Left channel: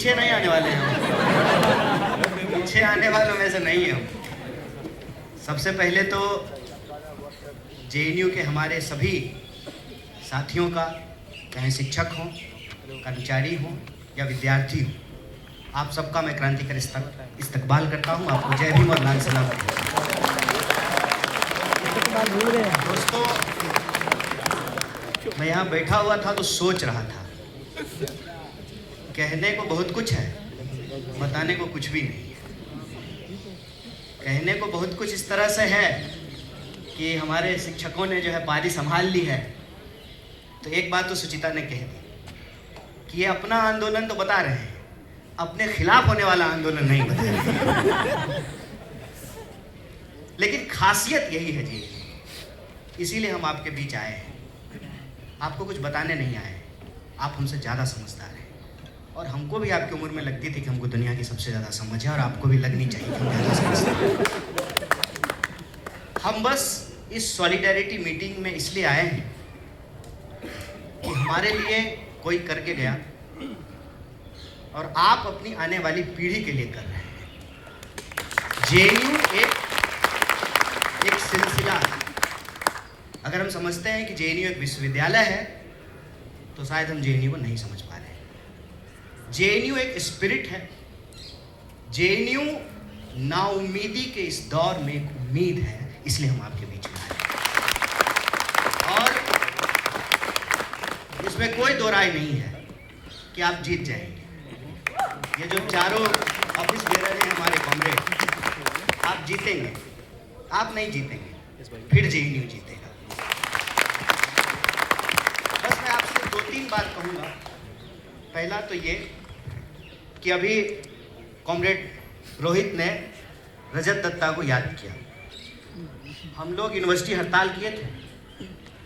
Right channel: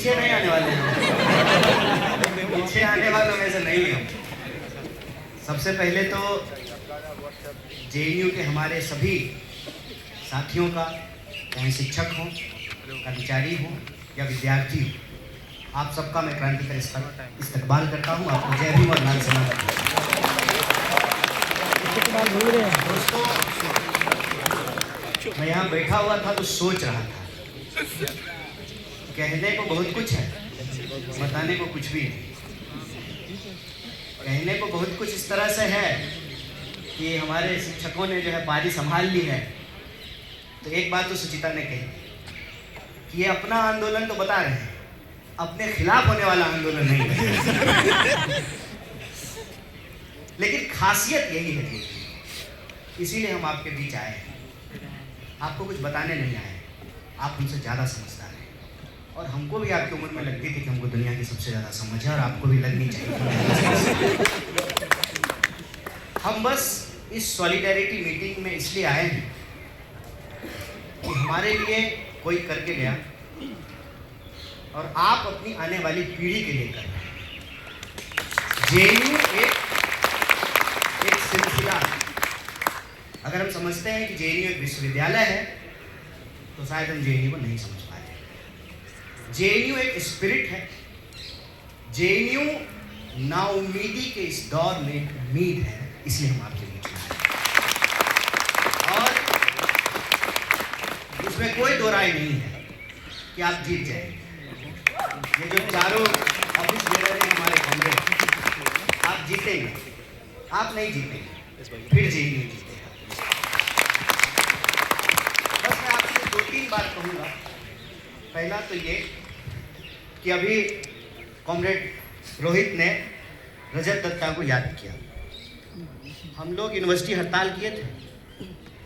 पीछे नहीं आने वाले हैं हम, पीछे आने वालों में से नहीं है हम। सबसे पहले तो जेएनयू के हमारे सभी साथियों का, चाहे शिक्षक हों, कर्मचारी हों या विद्यार्थी हों, आप सबका मैं क्रांतिकारी इस्तकबाल करता हूं। आपको जय भीम और लाल सलाम। दोस्तों, मैं यहाँ बैठा हुआ था तो सोच रहा था, कहने को बहुत कुछ है, बताने को कुछ भी नहीं। कहने को बहुत कुछ इस तरह से है कि हमारे शिक्षकों ने जो है पारी संभाल ली है। तो एक बात तो सुचिता ने कही कि ये अपना आंदोलन तो बता रहे हैं, अपने खिलाफ होने वाला आंदोलन नहीं बता। लेकिन खासियत यही है जी, इसीलिए हम आपके बीच आए हैं। आपको कुछ बताने नहीं आए, आप हमसे ज़्यादा समझदार हैं और हमको भी आपकी उम्र में लगती थी कि हमको दुनिया की सबसे ज़्यादा समझ है और आपको भी लगनी चाहिए। हम बस इस सॉलिडेरिटी मीटिंग में इसलिए आए हैं कि हमारे लिए कोई करके गया और आप अपनी आने वाली पीढ़ी के लिए कर रहे हैं। जेएनयू एक सिलसिला है। अगर हम समझते हैं कि जेएनयू एक विश्वविद्यालय है तो शायद हम जेएनयू को नहीं समझ पा रहे। जेएनयू एक स्पिरिट है। जेएनयू नाउम्मीदी के इस दौर में एक उम्मीद है, इसलिए हम आपके बीच में आए। और इसमें कोई दो राय नहीं है कि आप जीत जाएंगे। ये जो चारों ऑफिस बेरर हैं हमारे कॉमरेड, आप जीतेंगे। आप नहीं जीतेंगे, फिर जेएनयू जीतेगा। बस मैं आपसे 2-3 बात कहूँगा। पहला तो ये कि अभी कॉमरेड रोहित ने रजत दत्ता को याद किया। हम लोग यूनिवर्सिटी हड़ताल किए थे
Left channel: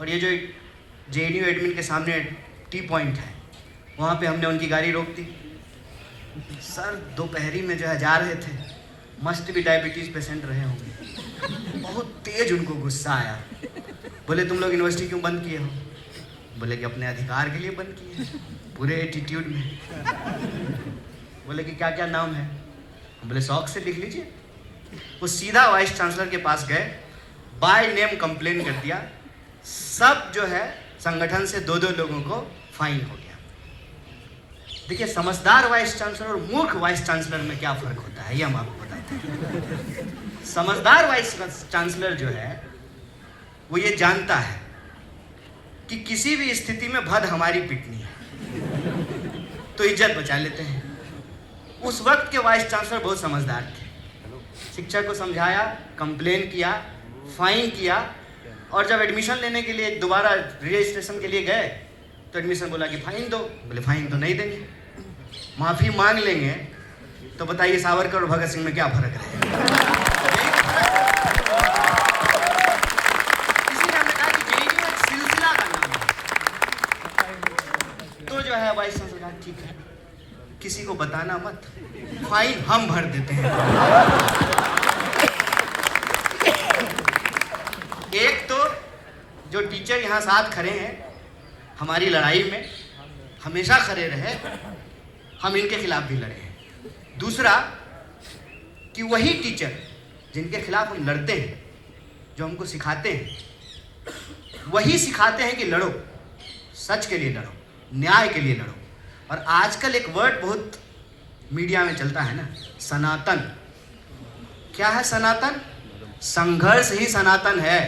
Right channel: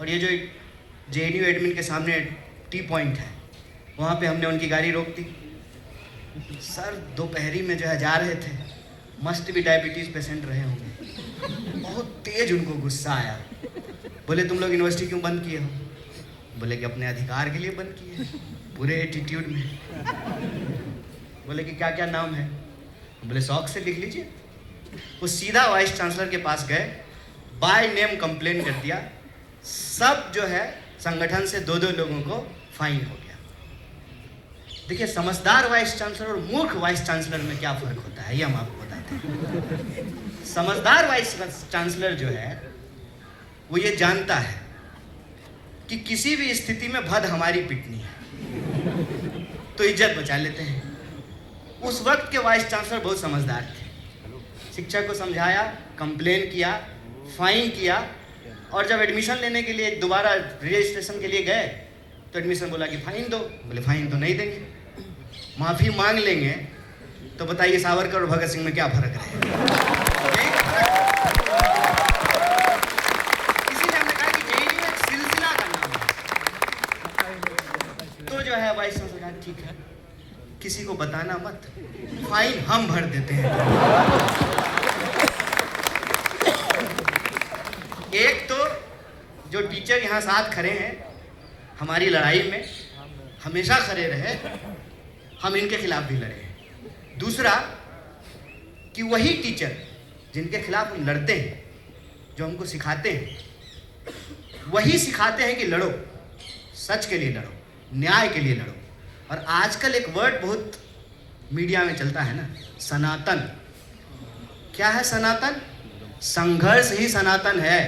और ये जो जेएनयू एडमिन के सामने टी पॉइंट है, वहाँ पे हमने उनकी गाड़ी रोक दी। सर दोपहरी में जो है जा रहे थे, मस्ट भी डायबिटीज़ पेशेंट रहे होंगे। बहुत तेज उनको गुस्सा आया। बोले तुम लोग यूनिवर्सिटी क्यों बंद किए हो? बोले कि अपने अधिकार के लिए बंद किए, पूरे एटीट्यूड में। बोले कि क्या क्या नाम है? बोले शौक से लिख लीजिए। वो सीधा वाइस चांसलर के पास गए, बाय नेम कंप्लेन कर दिया। सब जो है संगठन से 2-2 लोगों को फाइन हो गया। देखिए, समझदार वाइस चांसलर और मूर्ख वाइस चांसलर में क्या फर्क होता है, ये हम आपको बताते हैं। समझदार वाइस चांसलर जो है वो ये जानता है कि किसी भी स्थिति में भद हमारी पिटनी है तो इज्जत बचा लेते हैं। उस वक्त के वाइस चांसलर बहुत समझदार थे। शिक्षक को समझाया, कंप्लेन किया, फाइन किया और जब एडमिशन लेने के लिए दोबारा रजिस्ट्रेशन के लिए गए तो एडमिशन बोला कि फाइन दो। बोले फाइन तो नहीं देंगे, माफ़ी मांग लेंगे। तो बताइए सावरकर और भगत सिंह में क्या फर्क रहेगा? इसीलिए हमने कहा कि जेएनयू एक सिलसिला का नाम है। तो जो है वाइस चांसलर कहा ठीक है, किसी को बताना मत, फाइन हम भर देते हैं। एक तो जो टीचर यहाँ साथ खड़े हैं, हमारी लड़ाई में हमेशा खड़े रहे, हम इनके खिलाफ भी लड़े हैं। दूसरा कि वही टीचर जिनके खिलाफ हम लड़ते हैं, जो हमको सिखाते हैं, वही सिखाते हैं कि लड़ो, सच के लिए लड़ो, न्याय के लिए लड़ो। और आजकल एक वर्ड बहुत मीडिया में चलता है ना, सनातन। क्या है सनातन? संघर्ष ही सनातन है।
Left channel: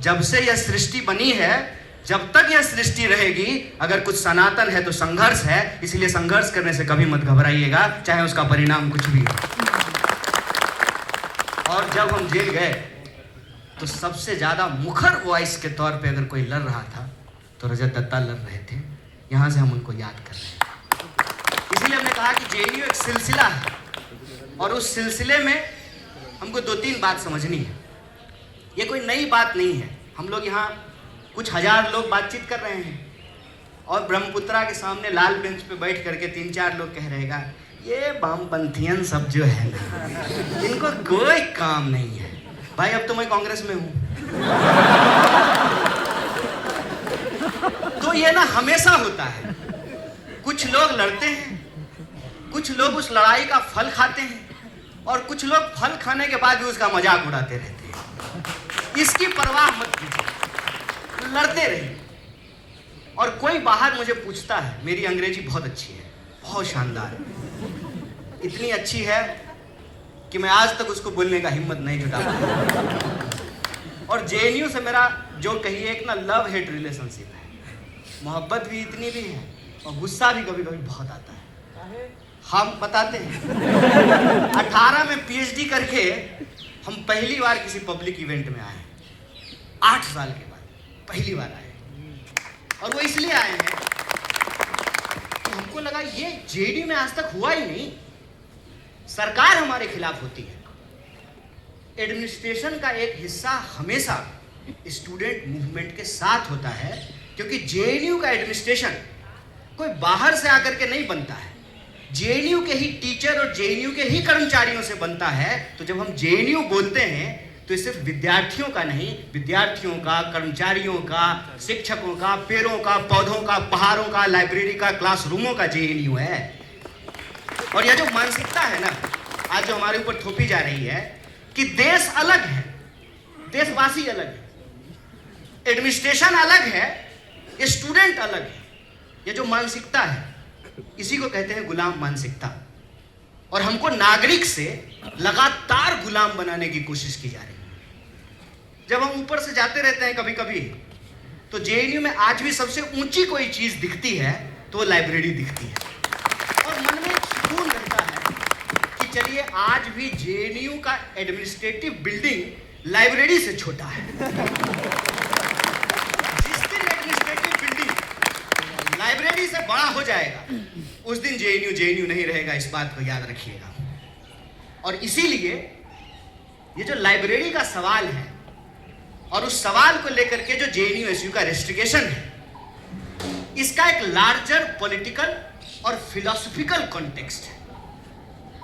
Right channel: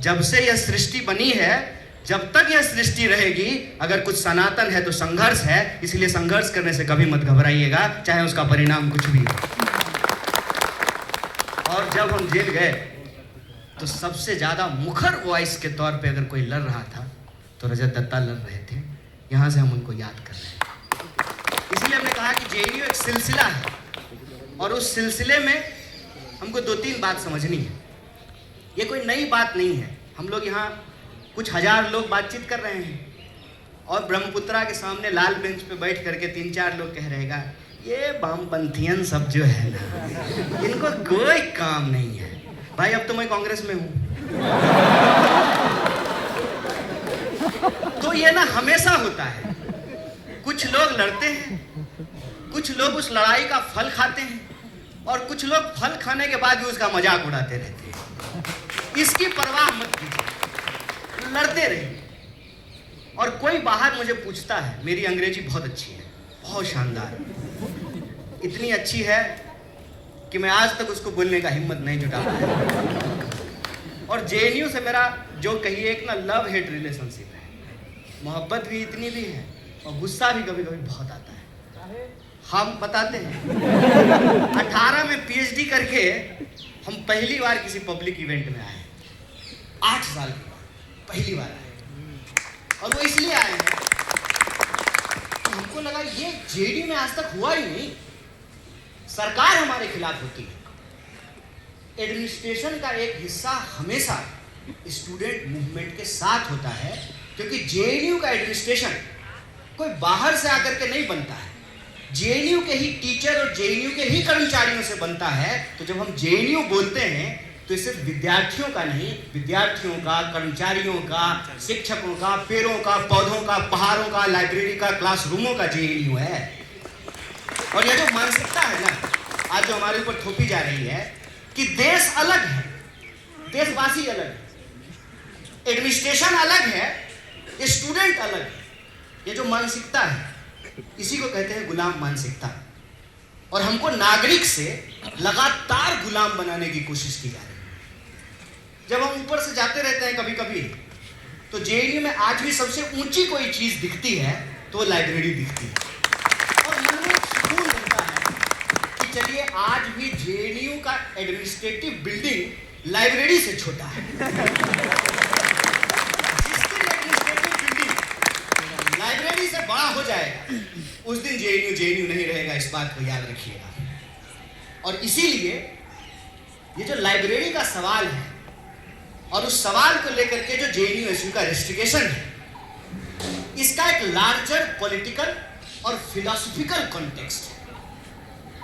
जब से यह सृष्टि बनी है, जब तक यह सृष्टि रहेगी, अगर कुछ सनातन है तो संघर्ष है। इसलिए संघर्ष करने से कभी मत घबराइएगा, चाहे उसका परिणाम कुछ भी हो। और जब हम जेल गए तो सबसे ज्यादा मुखर वॉइस के तौर पे अगर कोई लड़ रहा था तो रजत दत्ता लड़ रहे थे। यहाँ से हम उनको याद कर रहे हैं। इसलिए हमने कहा कि जेएनयू एक सिलसिला है और उस सिलसिले में हमको 2-3 बात समझनी है। ये कोई नई बात नहीं है। हम लोग यहाँ कुछ हजार लोग बातचीत कर रहे हैं और ब्रह्मपुत्रा के सामने लाल बेंच पे बैठ करके 3-4 लोग कह रहेगा ये वामपंथियन सब जो है ना, इनको कोई काम नहीं है। भाई अब तो मैं कांग्रेस में हूँ। तो ये ना हमेशा होता है, कुछ लोग लड़ते हैं, कुछ लोग उस लड़ाई का फल खाते हैं और कुछ लोग फल खाने के बाद भी उसका मजाक उड़ाते रहते हैं। इसकी परवाह मत कीजिए, लड़ते रहिए। और कोई बाहर मुझे पूछता है, मेरी अंग्रेजी बहुत अच्छी है, बहुत शानदार, इतनी अच्छी है कि मैं आज तक उसको बोलने का हिम्मत नहीं जुटा पाया। और जेएनयू से मेरा जो कहिए एक ना लव हेट रिलेशनशिप है, मोहब्बत भी इतनी भी है और गुस्सा भी कभी कभी बहुत आता है। हम बताते हैं 18 में पीएचडी करके हम पहली बार किसी पब्लिक इवेंट में आए, 8 साल के बाद पहली बार आए। और वो इसलिए आए हैं कि हमको लगा ये जेडीयू में आज तक हुआ ही नहीं। सरकार हमारे खिलाफ होती है, एडमिनिस्ट्रेशन का एक हिस्सा हमेशा स्टूडेंट मूवमेंट के साथ होता है, क्योंकि जेएनयू का एडमिनिस्ट्रेशन कोई बाहर से आकर के नहीं बनता है, जेएनयू के ही टीचर और जेएनयू के ही कर्मचारियों से बनता है। तो जब हम जेएनयू बोलते हैं तो सिर्फ विद्यार्थियों का नहीं, विद्यार्थियों का, कर्मचारियों का, शिक्षकों का, पेड़ों का, पौधों का, पहाड़ों का, लाइब्रेरी का, क्लासरूमों का जेएनयू है। और यह जो मानसिकता है ना आज जो हमारे ऊपर थोपी जा रही है कि देश अलग है, देशवासी अलग है, एडमिनिस्ट्रेशन अलग है, स्टूडेंट अलग है, ये जो मानसिकता है इसी को कहते हैं गुलाम मानसिकता। और हमको नागरिक से लगातार गुलाम बनाने की कोशिश की जा रही है। जब हम ऊपर से जाते रहते हैं कभी कभी तो जेएनयू में आज भी सबसे ऊंची कोई चीज दिखती है तो वो लाइब्रेरी दिखती है और मन में एक सुकून रहता है कि चलिए आज भी जेएनयू का एडमिनिस्ट्रेटिव बिल्डिंग लाइब्रेरी से छोटा है। जिस दिन एडमिनिस्ट्रेटिव बिल्डिंग लाइब्रेरी से बड़ा हो जाएगा उस दिन जेएनयू नहीं रहेगा, इस बात को याद रखिएगा। और इसीलिए ये जो लाइब्रेरी का सवाल है और उस सवाल को लेकर के जो जेएनयू का रेस्ट्रिक्शन है, इसका एक लार्जर पॉलिटिकल और फिलोसफिकल कॉन्टेक्स्ट है।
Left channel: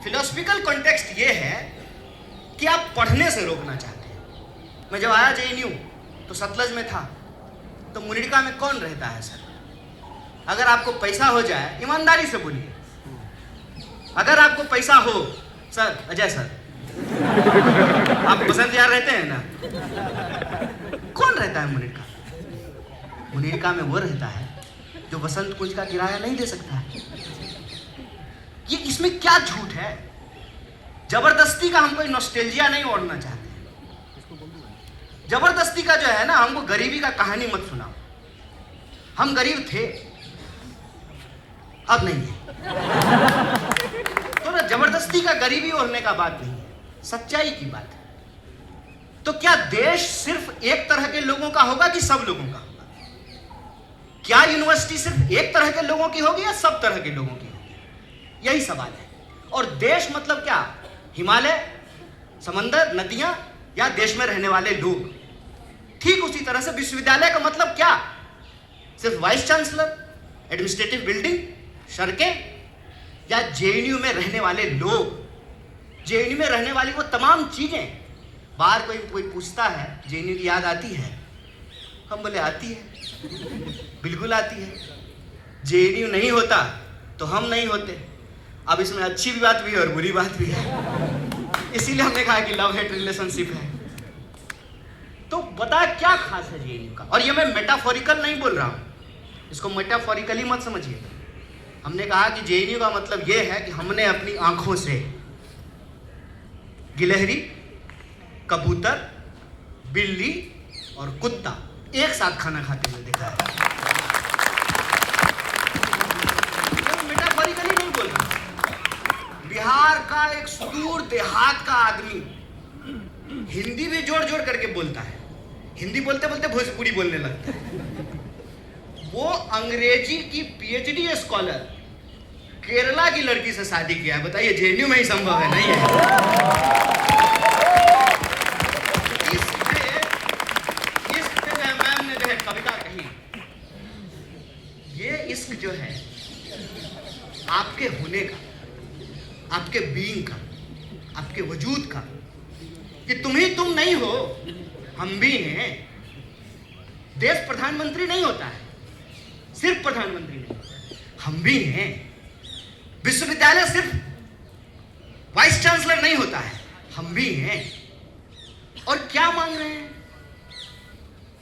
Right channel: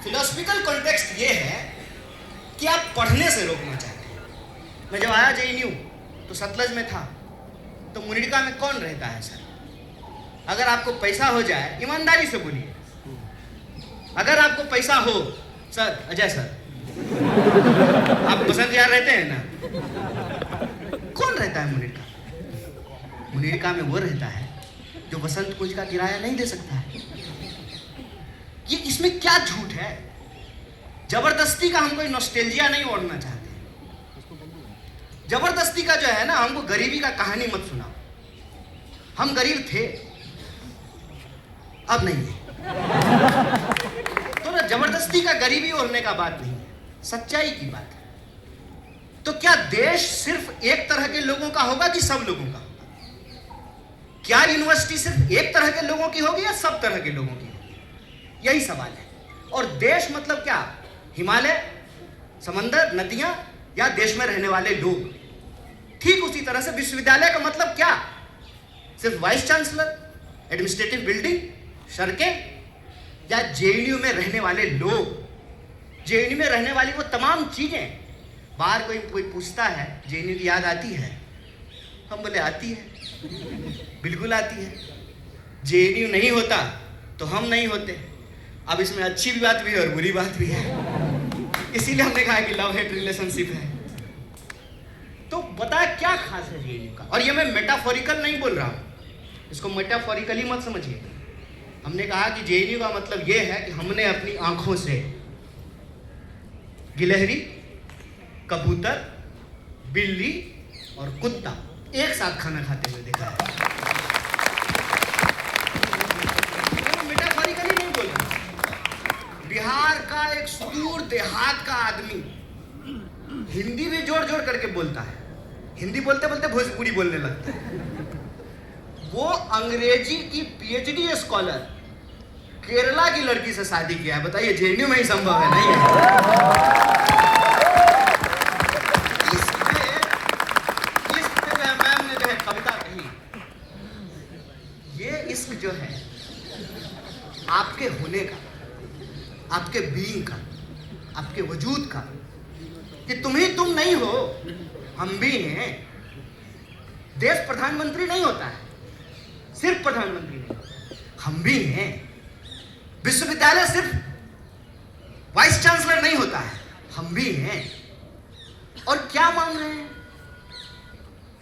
फिलोसफिकल कॉन्टेक्स्ट ये है कि आप पढ़ने से रोकना चाहते हैं। मैं जब आया जेएनयू तो सतलज में था, तो मुनिरका में कौन रहता है सर? अगर आपको पैसा हो जाए, ईमानदारी से बोलिए, अगर आपको पैसा हो, सर अजय सर आप पसंद यार रहते हैं ना, कौन रहता है मुनिरका? मुनिरका में वो रहता है जो वसंत कुंज का किराया नहीं दे सकता है। ये इसमें क्या झूठ है? जबरदस्ती का हम कोई नॉस्टैल्जिया नहीं ओढ़ना चाहते। जबरदस्ती का जो है ना, हमको गरीबी का कहानी मत सुनाओ। हम गरीब थे, अब नहीं है। तो ना जबरदस्ती का गरीबी ओढ़ने का बात नहीं है, सच्चाई की बात है। तो क्या देश सिर्फ एक तरह के लोगों का होगा कि सब लोगों का होगा? क्या यूनिवर्सिटी सिर्फ एक तरह के लोगों की होगी या सब तरह के लोगों की होगी? यही सवाल है। और देश मतलब क्या? हिमालय, समंदर, नदियां, या देश में रहने वाले लोग? ठीक उसी तरह से विश्वविद्यालय का मतलब क्या? सिर्फ वाइस चांसलर, एडमिनिस्ट्रेटिव बिल्डिंग, सड़कें, या जेएनयू में रहने वाले लोग, जेएनयू में रहने वाली वो तमाम चीजें? बाहर कोई पूछता है जेएनयू की याद आती है? हम बोले आती है, बिल्कुल आती है। जेएनयू नहीं होता तो हम नहीं होते। अब इसमें अच्छी भी बात भी है और बुरी बात भी है, इसीलिए हमने कहा कि लव हेट रिलेशनशिप है। तो बता क्या खास है जेएनयू का? और ये मैं मेटाफोरिकल नहीं बोल रहा हूं, इसको मेटाफोरिकली मत समझिए। हमने कहा कि जेएनयू का मतलब ये है कि हमने अपनी आंखों से गिलहरी, कबूतर, बिल्ली और कुत्ता एक साथ खाना खाते हुए देखा है। तो मेटाफोरिकली नहीं बोल रहा। बिहार का एक सुदूर देहात का आदमी हिंदी भी जोड़ जोड़ करके बोलता है, हिंदी बोलते बोलते भोजपुरी बोलने लगता है। वो अंग्रेजी की पीएचडी स्कॉलर केरला की लड़की से शादी किया है। बताइए जेएनयू में ही संभव है? नहीं है। इस पे मैम ने जो कविता कही, ये इश्क जो है आपके होने का, आपके बीइंग का, आपके वजूद का, कि तुम ही तुम नहीं हो, हम भी हैं। देश प्रधानमंत्री नहीं होता है, सिर्फ प्रधानमंत्री नहीं होता, हम भी हैं। विश्वविद्यालय सिर्फ वाइस चांसलर नहीं होता है, हम भी हैं। और क्या मांग रहे हैं?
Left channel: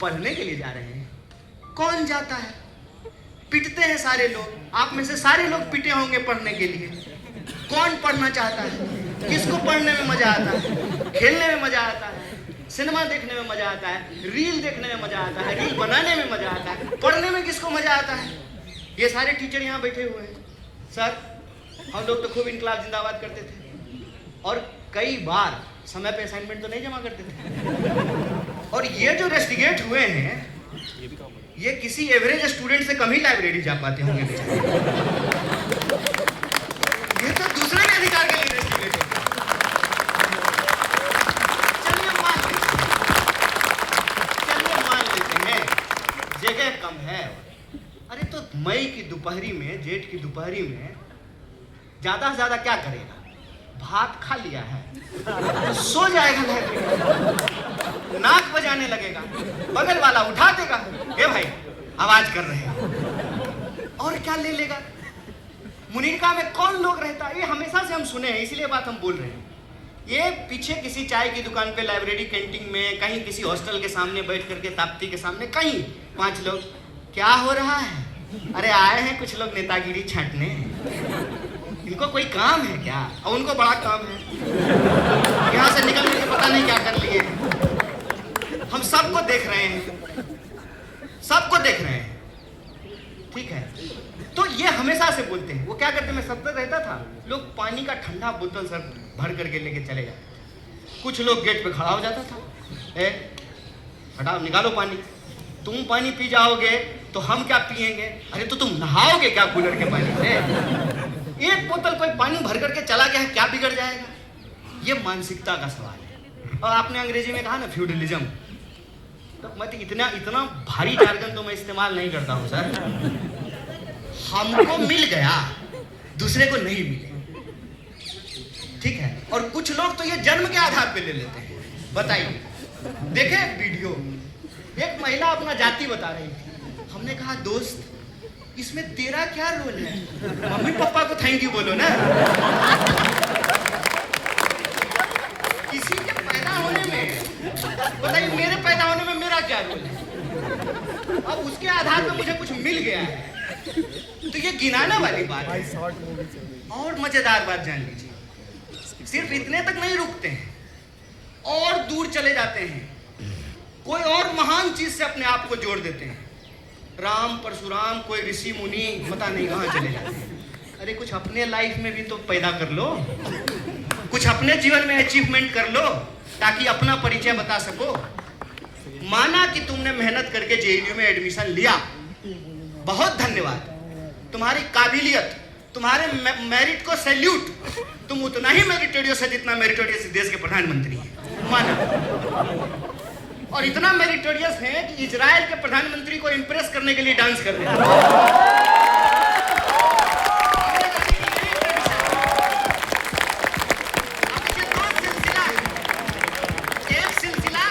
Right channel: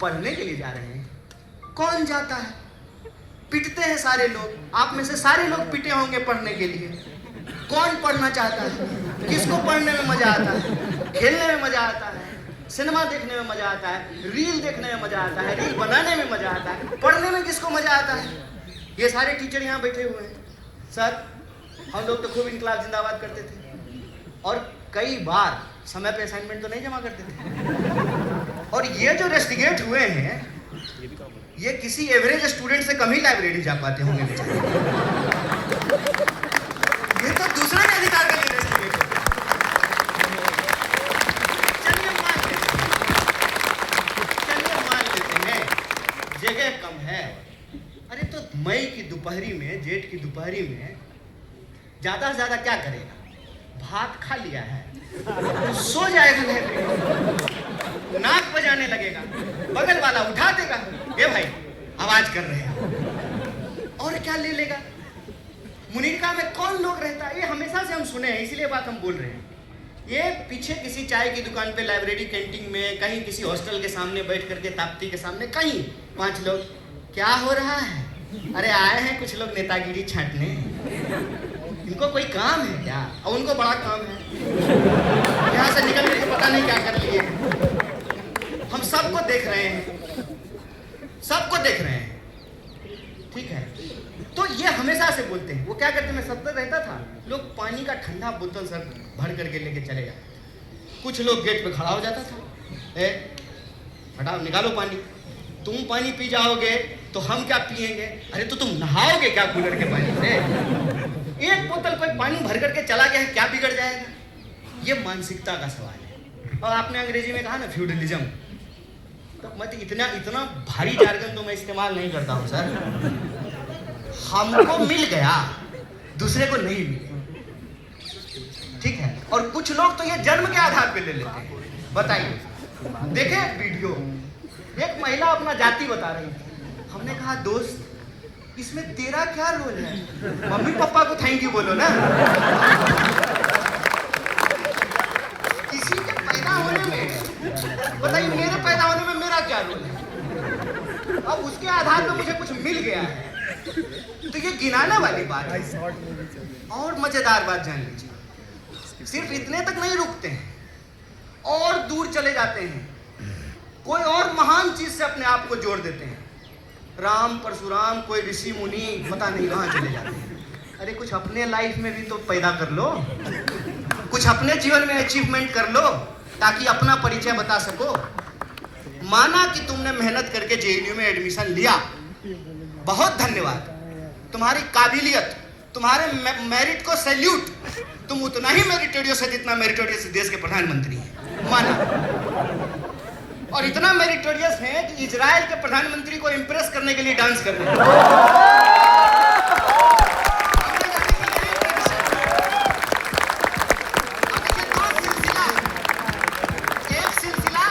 पढ़ने के लिए जा रहे हैं। कौन जाता है? पिटते हैं सारे लोग। आप में से सारे लोग पिटे होंगे पढ़ने के लिए। कौन पढ़ना चाहता है? किसको पढ़ने में मजा आता है? खेलने में मजा आता है, सिनेमा देखने में मजा आता है, रील देखने में मजा आता है, रील बनाने में मजा आता है। पढ़ने में किसको मजा आता है? ये सारे टीचर यहाँ बैठे हुए हैं। सर, हम लोग तो खूब इनकलाब जिंदाबाद करते थे और कई बार समय पे असाइनमेंट तो नहीं जमा करते थे। और ये जो रेस्टिगेट हुए हैं, ये किसी एवरेज स्टूडेंट से कम ही लाइब्रेरी जा पाते होंगे बेचारे। ये तो दूसरे के अधिकार के लिए रेस्टिगेट होते हैं। चलिए मान लेते हैं जगह कम है। अरे तो मई की दोपहरी में, जेठ की दोपहरी में ज्यादा से ज्यादा क्या करेगा? भात खा लिया है, सो जाएगा लाइब्रेरी, नाक बजाने लगेगा, बगल वाला उठा देगा, ये भाई आवाज कर रहे हो, और क्या ले लेगा? मुनीरका में कौन लोग रहता है? ये हमेशा से हम सुने हैं, इसीलिए बात हम बोल रहे हैं। ये पीछे किसी चाय की दुकान पे, लाइब्रेरी कैंटीन में, कहीं किसी हॉस्टल के सामने बैठ करके, ताप्ती के सामने, कहीं 5 लोग, क्या हो रहा है? अरे आए हैं कुछ लोग नेतागिरी छांटने, इनको कोई काम है क्या? और उनको बड़ा काम है, यहाँ से निकल करके पता नहीं क्या कर लिए हैं। हम सबको देख रहे हैं, सबको देख रहे हैं, ठीक है? तो ये हमेशा से बोलते हैं। वो क्या करते, मैं सब तक रहता था, लोग पानी का ठंडा बोतल सब भर करके लेके चले जाते। कुछ लोग गेट पे खड़ा हो जाता था, हटाओ निकालो पानी, तुम पानी पी जाओगे तो हम क्या पिएंगे? अरे तो तुम नहाओगे क्या कूलर के पानी से? एक बोतल कोई पानी भर करके चला गया है, क्या बिगड़ जाएगा? ये मानसिकता का सवाल है। और आपने अंग्रेजी में कहा ना फ्यूडलिज्म, तो मैं इतना भारी जार्गन तो मैं इस्तेमाल नहीं करता हूँ सर। हमको मिल गया, दूसरे को नहीं मिले, ठीक है? और कुछ लोग तो ये जन्म के आधार पे ले लेते हैं। बताइए, देखे वीडियो, एक महिला अपना जाति बता रही थी। हमने कहा दोस्त, इसमें तेरा क्या रोल है? मम्मी पापा को थैंक यू बोलो ना। किसी के पैदा होने में, बताइए मेरे पैदा होने में मेरा क्या रोल है? अब उसके आधार पर मुझे कुछ मिल गया है, तो ये गिनाने वाली बात है। और मजेदार बात जान लीजिए, सिर्फ इतने तक नहीं रुकते हैं, और दूर चले जाते हैं, कोई और महान चीज से अपने आप को जोड़ देते हैं। राम परशुराम, कोई ऋषि मुनि, पता नहीं कहाँ चले जाते हैं। अरे कुछ अपने लाइफ में भी तो पैदा कर लो, कुछ अपने जीवन में अचीवमेंट कर लो, ताकि अपना परिचय बता सको। माना कि तुमने मेहनत करके जेएनयू में एडमिशन लिया, बहुत धन्यवाद, तुम्हारी काबिलियत, तुम्हारे मेरिट को सैल्यूट। तुम उतना ही मेरिटोरियस है जितना मेरिटोरियस देश के प्रधानमंत्री हैं, माना। और इतना मेरिटोरियस है कि इजराइल के प्रधानमंत्री को इंप्रेस करने के लिए डांस कर रहे हैं। एक सिलसिला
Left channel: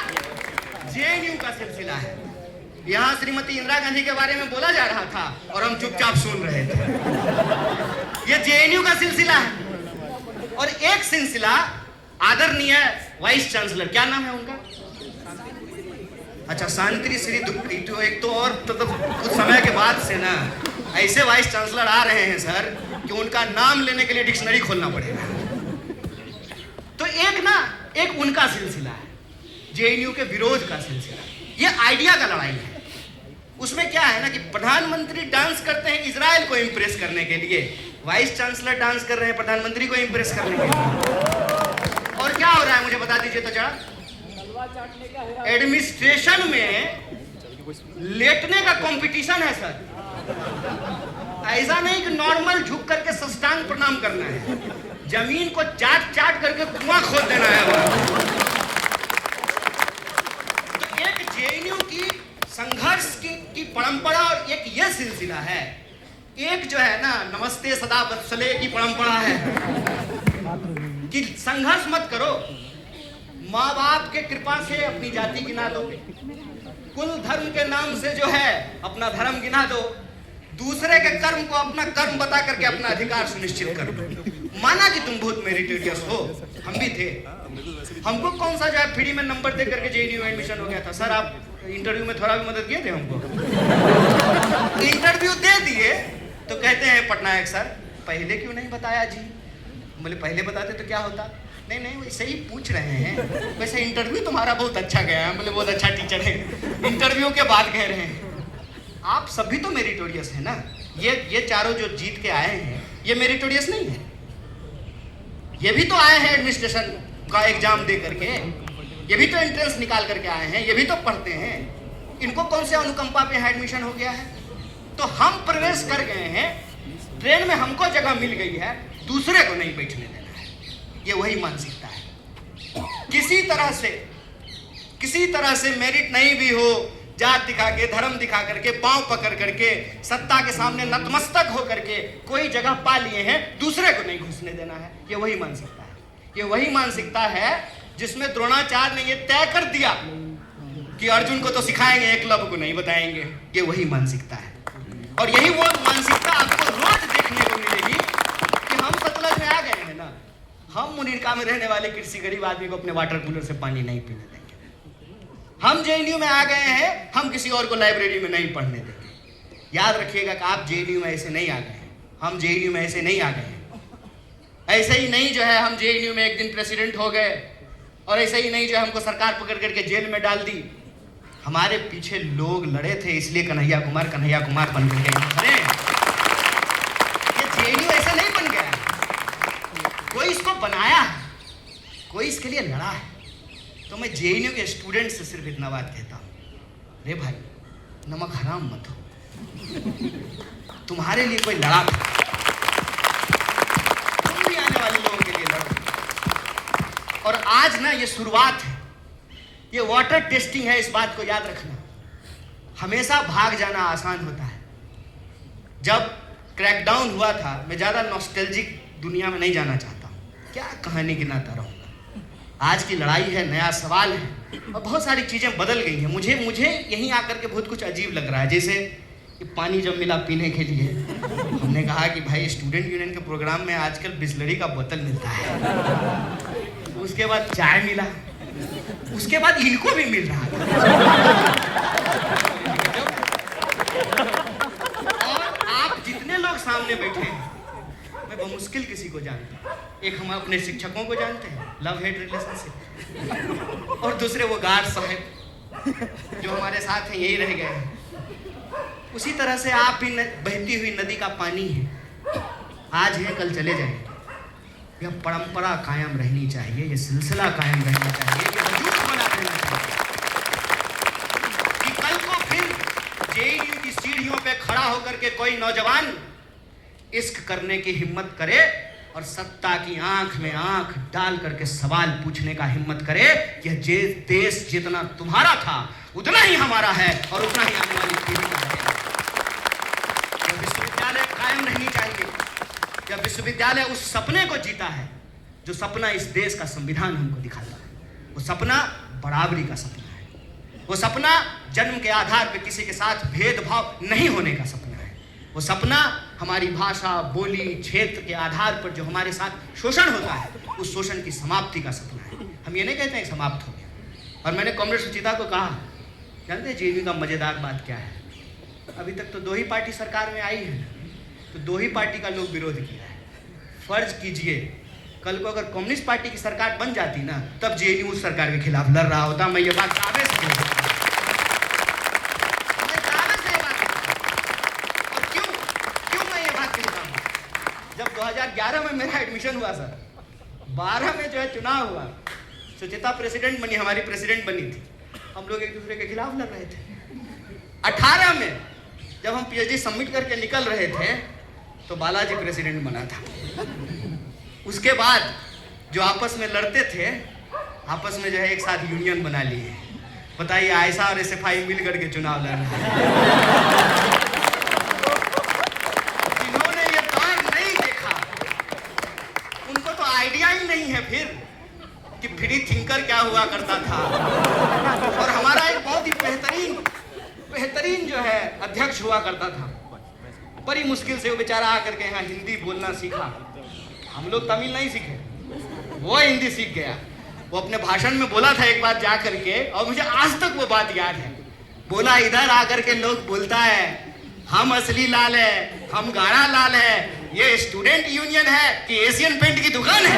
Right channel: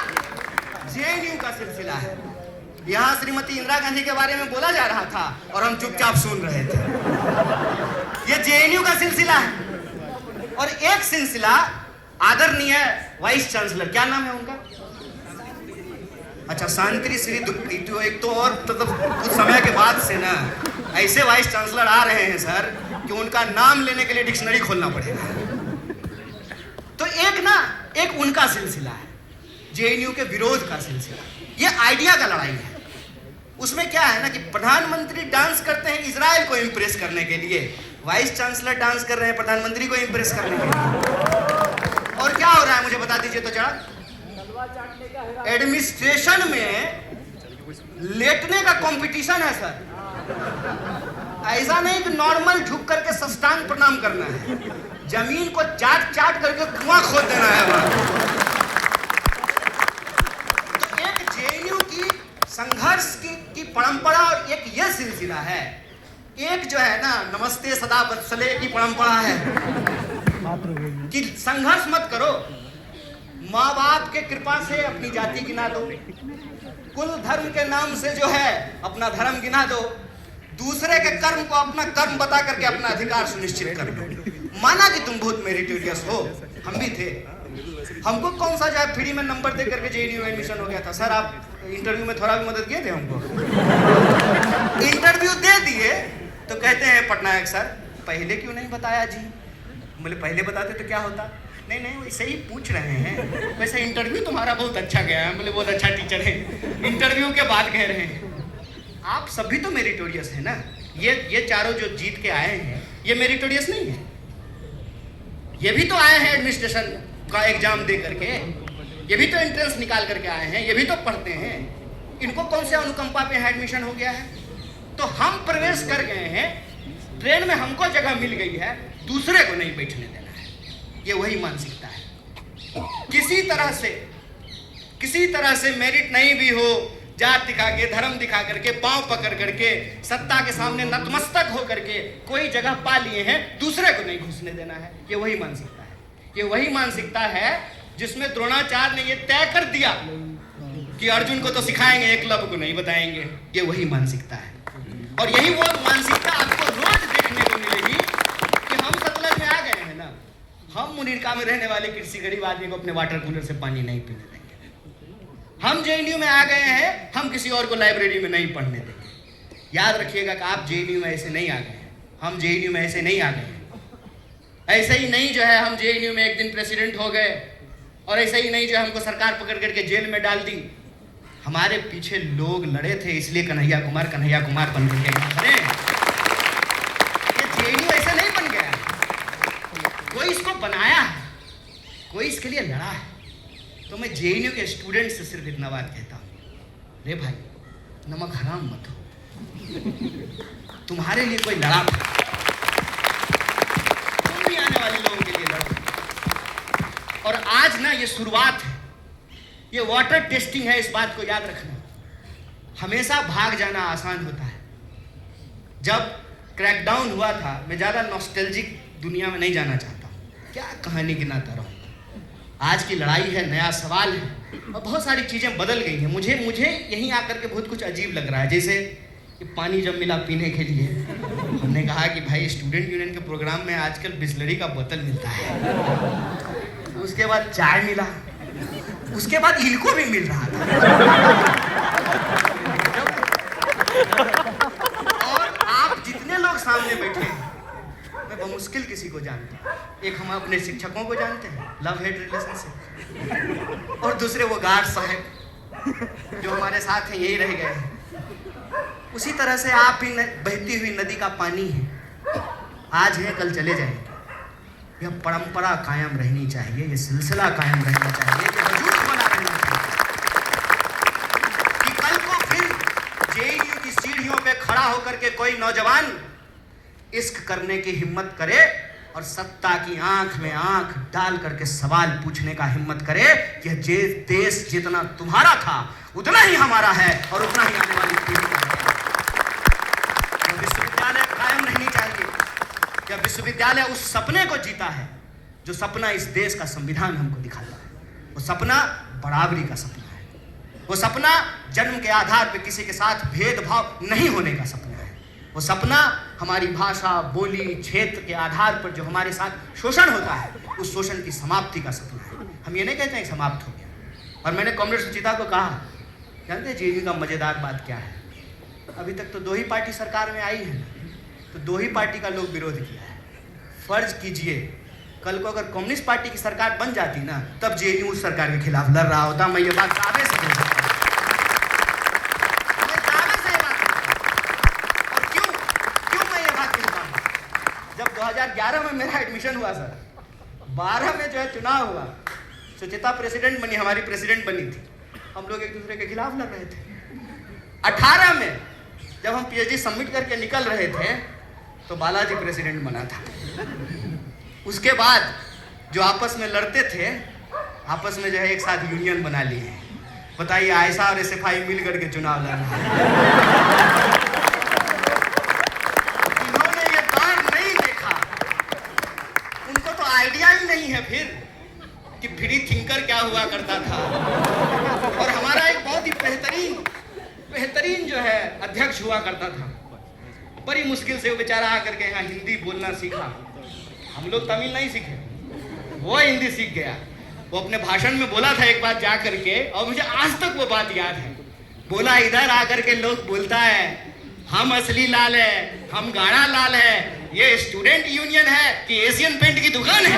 जेएनयू का सिलसिला है। यहाँ श्रीमती इंदिरा गांधी के बारे में बोला जा रहा था और हम चुपचाप सुन रहे थे। ये जेएनयू का सिलसिला है। और एक सिलसिला आदरणीय वाइस चांसलर, क्या नाम है उनका? अच्छा, शांति श्री। तो एक तो और तो कुछ समय के बाद से ना ऐसे वाइस चांसलर आ रहे हैं सर कि उनका नाम लेने के लिए डिक्शनरी खोलना पड़ेगा। तो एक उनका सिलसिला है, जेएनयू के विरोध का सिलसिला। ये आइडिया का लड़ाई है। उसमें क्या है ना कि प्रधानमंत्री डांस करते हैं इजराइल को इंप्रेस करने के लिए, वाइस चांसलर डांस कर रहे हैं प्रधानमंत्री को इंप्रेस करने के लिए। और क्या हो रहा है मुझे बता दीजिए तो जरा। एडमिनिस्ट्रेशन में लेटने का कंपटीशन है सर। ऐसा नहीं कि नॉर्मल झुक करके साष्टांग प्रणाम करना है, जमीन को चाट चाट करके कुआं खोद देना है वहां। तो एक जेएनयू की संघर्ष की परंपरा और एक ये सिलसिला है। एक जो है ना नमस्ते सदा वत्सले की परंपरा है कि संघर्ष मत करो, माँ बाप के कृपा से अपनी जाति गिना दो, कुल धर्म के नाम से जो है अपना धर्म गिना दो, दूसरे के कर्म को अपना कर्म बता करके अपना अधिकार सुनिश्चित कर लो। माना कि तुम बहुत मेरिटोरियस हो, हम भी थे, हमको कौन सा जो है फ्री में नंबर दे करके जेएनयू में एडमिशन हो गया था। सर आप इंटरव्यू में थोड़ा भी मदद किए थे हमको। इंटरव्यू दे दिए तो कहते हैं पटनायक सर पहले क्यों नहीं बताया जी। बोले पहले बताते तो क्या होता। नहीं नहीं वैसे ही पूछ रहे हैं, वैसे इंटरव्यू तुम्हारा बहुत अच्छा गया है। बोले बहुत अच्छा टीचर है, इंटरव्यू के बाद कह रहे हैं आप सभी तो मेरिटोरियस है ना। ये चारों जो जीत के आए हैं ये मेरिटोरियस नहीं है। ये भी तो आए हैं एडमिनिस्ट्रेशन का एग्जाम दे करके, ये भी तो एंट्रेंस निकाल करके आए हैं, ये भी तो पढ़ते हैं। इनको कौन से अनुकंपा पे एडमिशन हो गया है। तो हम प्रवेश कर गए हैं, ट्रेन में हमको जगह मिल गई है, दूसरे को नहीं बैठने देना है। ये वही मानसिकता है। किसी तरह से मेरिट नहीं भी हो, जात दिखा के धर्म दिखा करके पांव पकड़ करके सत्ता के सामने नतमस्तक हो करके कोई जगह पा लिए हैं, दूसरे को नहीं घुसने देना है। ये वही मानसिकता है। ये वही मानसिकता है जिसमें द्रोणाचार्य ने ये तय कर दिया कि अर्जुन को तो सिखाएंगे, एकलव्य को नहीं बताएंगे। ये वही मानसिकता है। और यही वो मानसिकता आपको रोज देखने को मिलेगी कि हम सतलज में आ गए हैं ना, हम मुनीरका में रहने वाले किसी गरीब आदमी को अपने वाटर कूलर से पानी नहीं पीने देंगे। हम जेएनयू में आ गए हैं, हम किसी और को लाइब्रेरी में नहीं पढ़ने देंगे। याद रखिएगा कि आप जेएनयू में ऐसे नहीं आ गए हैं, हम जेएनयू में ऐसे नहीं आ गए हैं। ऐसे ही नहीं जो है हम जेएनयू में एक दिन प्रेसिडेंट हो गए, और ऐसे ही नहीं जो हमको सरकार पकड़ करके जेल में डाल दी। हमारे पीछे लोग लड़े थे, इसलिए कन्हैया कुमार बन गए। ये जेएनयू ऐसे नहीं बन गया, कोई इसको बनाया है, कोई इसके लिए लड़ा है। तो मैं जेएनयू के स्टूडेंट से सिर्फ इतना बात कहता हूँ, रे भाई नमक हराम मत हो, तुम्हारे लिए कोई लड़ा, तुम भी आने वाले लोगों के लिए लड़ो। और आज ना ये शुरुआत है, ये वाटर टेस्टिंग है, इस बात को याद रखना। हमेशा भाग जाना आसान होता है। जब क्रैकडाउन हुआ था, मैं ज़्यादा नॉस्टैल्जिक दुनिया में नहीं जाना चाहता हूँ, क्या कहानी गिनाता रहूँगा। आज की लड़ाई है, नया सवाल है, और बहुत सारी चीज़ें बदल गई हैं। मुझे यहीं आकर के बहुत कुछ अजीब लग रहा है। जैसे कि पानी जब मिला पीने के लिए, हमने कहा कि भाई स्टूडेंट यूनियन के प्रोग्राम में आजकल बिस्लरी का बोतल मिलता है, उसके बाद चाय मिला, उसके बाद इनको भी मिल रहा था। और आप जितने लोग सामने बैठे हैं, मैं बमुश्किल किसी को जानता हूँ। एक हम अपने शिक्षकों को जानते हैं, लव हेट रिलेशनशिप, और दूसरे वो गार्ड साहब जो हमारे साथ हैं, यही रह गए हैं। उसी तरह से आप भी बहती हुई नदी का पानी है, आज है कल चले जाएंगे। यह परंपरा कायम रहनी चाहिए, ये सिलसिला कायम रहना चाहिए, ये वजूद बना रहना चाहिए कि कल को फिर जेएनयू की सीढ़ियों पे खड़ा होकर के कोई नौजवान इश्क करने की हिम्मत करे और सत्ता की आंख में आंख डाल करके सवाल पूछने का हिम्मत करे कि ये देश जितना तुम्हारा था उतना ही हमारा है और उतना ही आने वाली पीढ़ी का है। यह विश्वविद्यालय कायम रहनी चाहिए। यह विश्वविद्यालय उस सपने को जीता है जो सपना इस देश का संविधान हमको दिखाता है। वो सपना बराबरी का सपना है, वो सपना जन्म के आधार पर किसी के साथ भेदभाव नहीं होने का सपना है, वो सपना हमारी भाषा, बोली, क्षेत्र के आधार पर जो हमारे साथ शोषण होता है, उस शोषण की समाप्ति का सपना है। हम ये नहीं कहते हैं कि समाप्त हो गया। और मैंने कॉमरेड सुचिता को कहा, जानते हैं जेएनयू का मजेदार बात क्या है, अभी तक तो 2 ही पार्टी सरकार में आई है ना, तो 2 ही पार्टी का लोग विरोध किया है। फर्ज कीजिए कल को अगर कम्युनिस्ट पार्टी की सरकार बन जाती ना, तब जेएनयू उस सरकार के खिलाफ लड़ रहा होता। मैं ये बात दावे से कह सकता हूं, मैं दावे से ये बात कहता हूं। और क्यों मैं ये बात कहता हूं? जब 2011 में मेरा एडमिशन हुआ सर, 12 में जो है चुनाव हुआ, सुचिता प्रेसिडेंट बनी, हमारी प्रेसिडेंट बनी थी, हम लोग एक दूसरे के खिलाफ लड़ रहे थे। 18 में जब हम पीएचडी सबमिट करके निकल रहे थे तो बालाजी प्रेसिडेंट बना था। उसके बाद जो आपस में लड़ते थे, आपस में जो है एक साथ यूनियन बना लिए। बताइए, आयशा और एसएफआई मिल करके चुनाव लड़ रहे हैं। जिन्होंने ये दौर नहीं देखा, उनको तो आइडिया ही नहीं है फिर कि फ्री थिंकर क्या हुआ करता था। और हमारा एक बहुत ही बेहतरीन जो है अध्यक्ष हुआ करता था, बड़ी मुश्किल से वो बेचारा आकर के यहाँ हिंदी बोलना सीखा। हम लोग तमिल नहीं सीखे, वो हिंदी सीख गया। वो अपने भाषण में बोला था एक बार जा करके, और मुझे आज तक वो बात याद है। बोला, इधर आकर के लोग बोलता है हम असली लाल है, हम गाढ़ा लाल है, ये स्टूडेंट यूनियन है कि एशियन पेंट की दुकान है।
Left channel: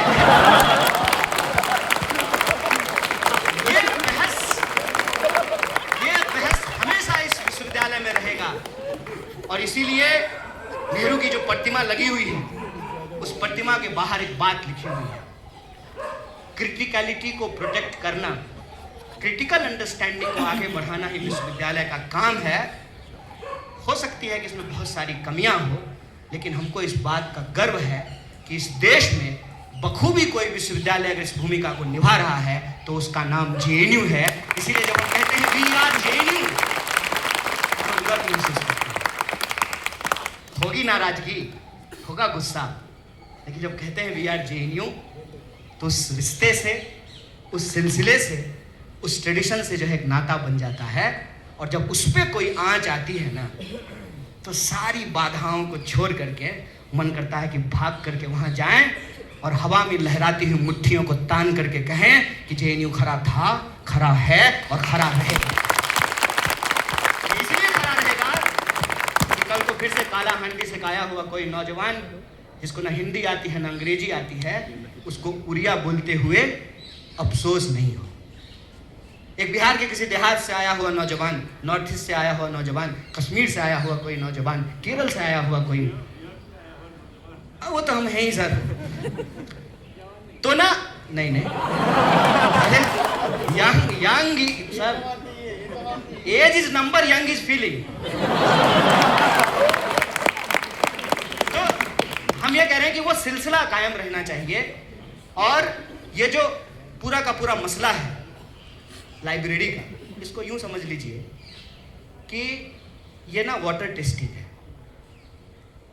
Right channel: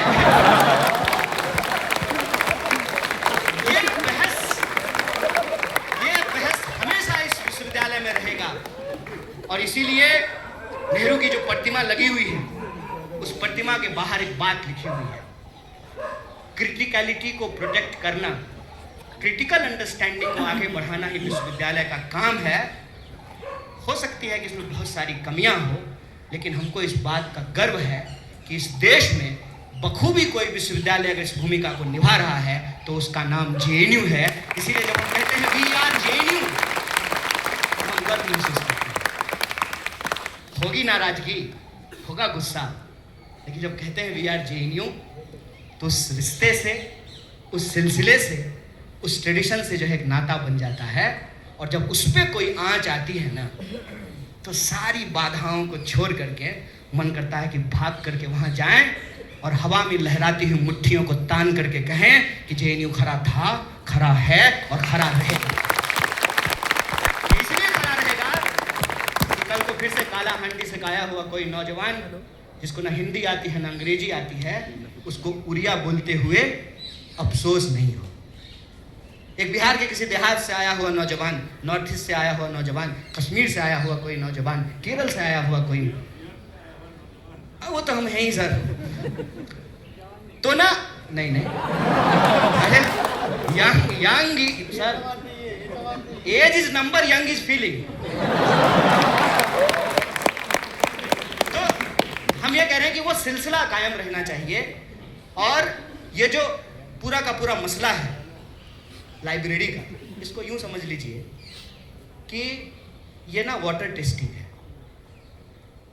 ये बहस हमेशा इस विश्वविद्यालय में रहेगा। और इसीलिए नेहरू की जो प्रतिमा लगी हुई है, उस प्रतिमा के बाहर एक बात लिखी हुई है, क्रिटिकलिटी को प्रोटेक्ट करना, क्रिटिकल अंडरस्टैंडिंग को आगे बढ़ाना ही विश्वविद्यालय का काम है। हो सकती है कि इसमें बहुत सारी कमियां हो, लेकिन हमको इस बात का गर्व है कि इस देश में बखूबी कोई विश्वविद्यालय अगर इस भूमिका को निभा रहा है तो उसका नाम जेएनयू है। इसीलिए जब हम कहते हैं वी आर जेएनयू, तो हम गर्व महसूस करते हैं। होगी नाराजगी, होगा गुस्सा, लेकिन जब कहते हैं वी आर जेएनयू तो उस रिश्ते से, उस सिलसिले से, उस ट्रेडिशन से जो है एक नाता बन जाता है। और जब उस पर कोई आंच आती है ना, तो सारी बाधाओं को छोड़ करके मन करता है कि भाग करके वहां जाएं और हवा में लहराती हुई मुट्ठियों को तान करके कहें कि जेएनयू खरा था, खरा है और खरा रहेगा। इसलिए खरा रहेगा कि कल को फिर से काला हांडी से खाया हुआ कोई नौजवान जिसको ना हिंदी आती है ना अंग्रेजी आती है, उसको उड़िया बोलते हुए अफसोस नहीं हो। एक बिहार के किसी देहात से आया हुआ नौजवान, नॉर्थ ईस्ट से आया हुआ नौजवान, कश्मीर से आया हुआ कोई नौजवान, केरल से आया हुआ कोई, वो तो हम हैं ही सर, तो ना नहीं अरे young sir, age is number, young is feeling. तो हम ये कह रहे हैं कि वो सिलसिला कायम रहना चाहिए। और ये जो पूरा का पूरा मसला है लाइब्रेरी का, इसको यूं समझ लीजिए कि ये ना वाटर टेस्टिंग है।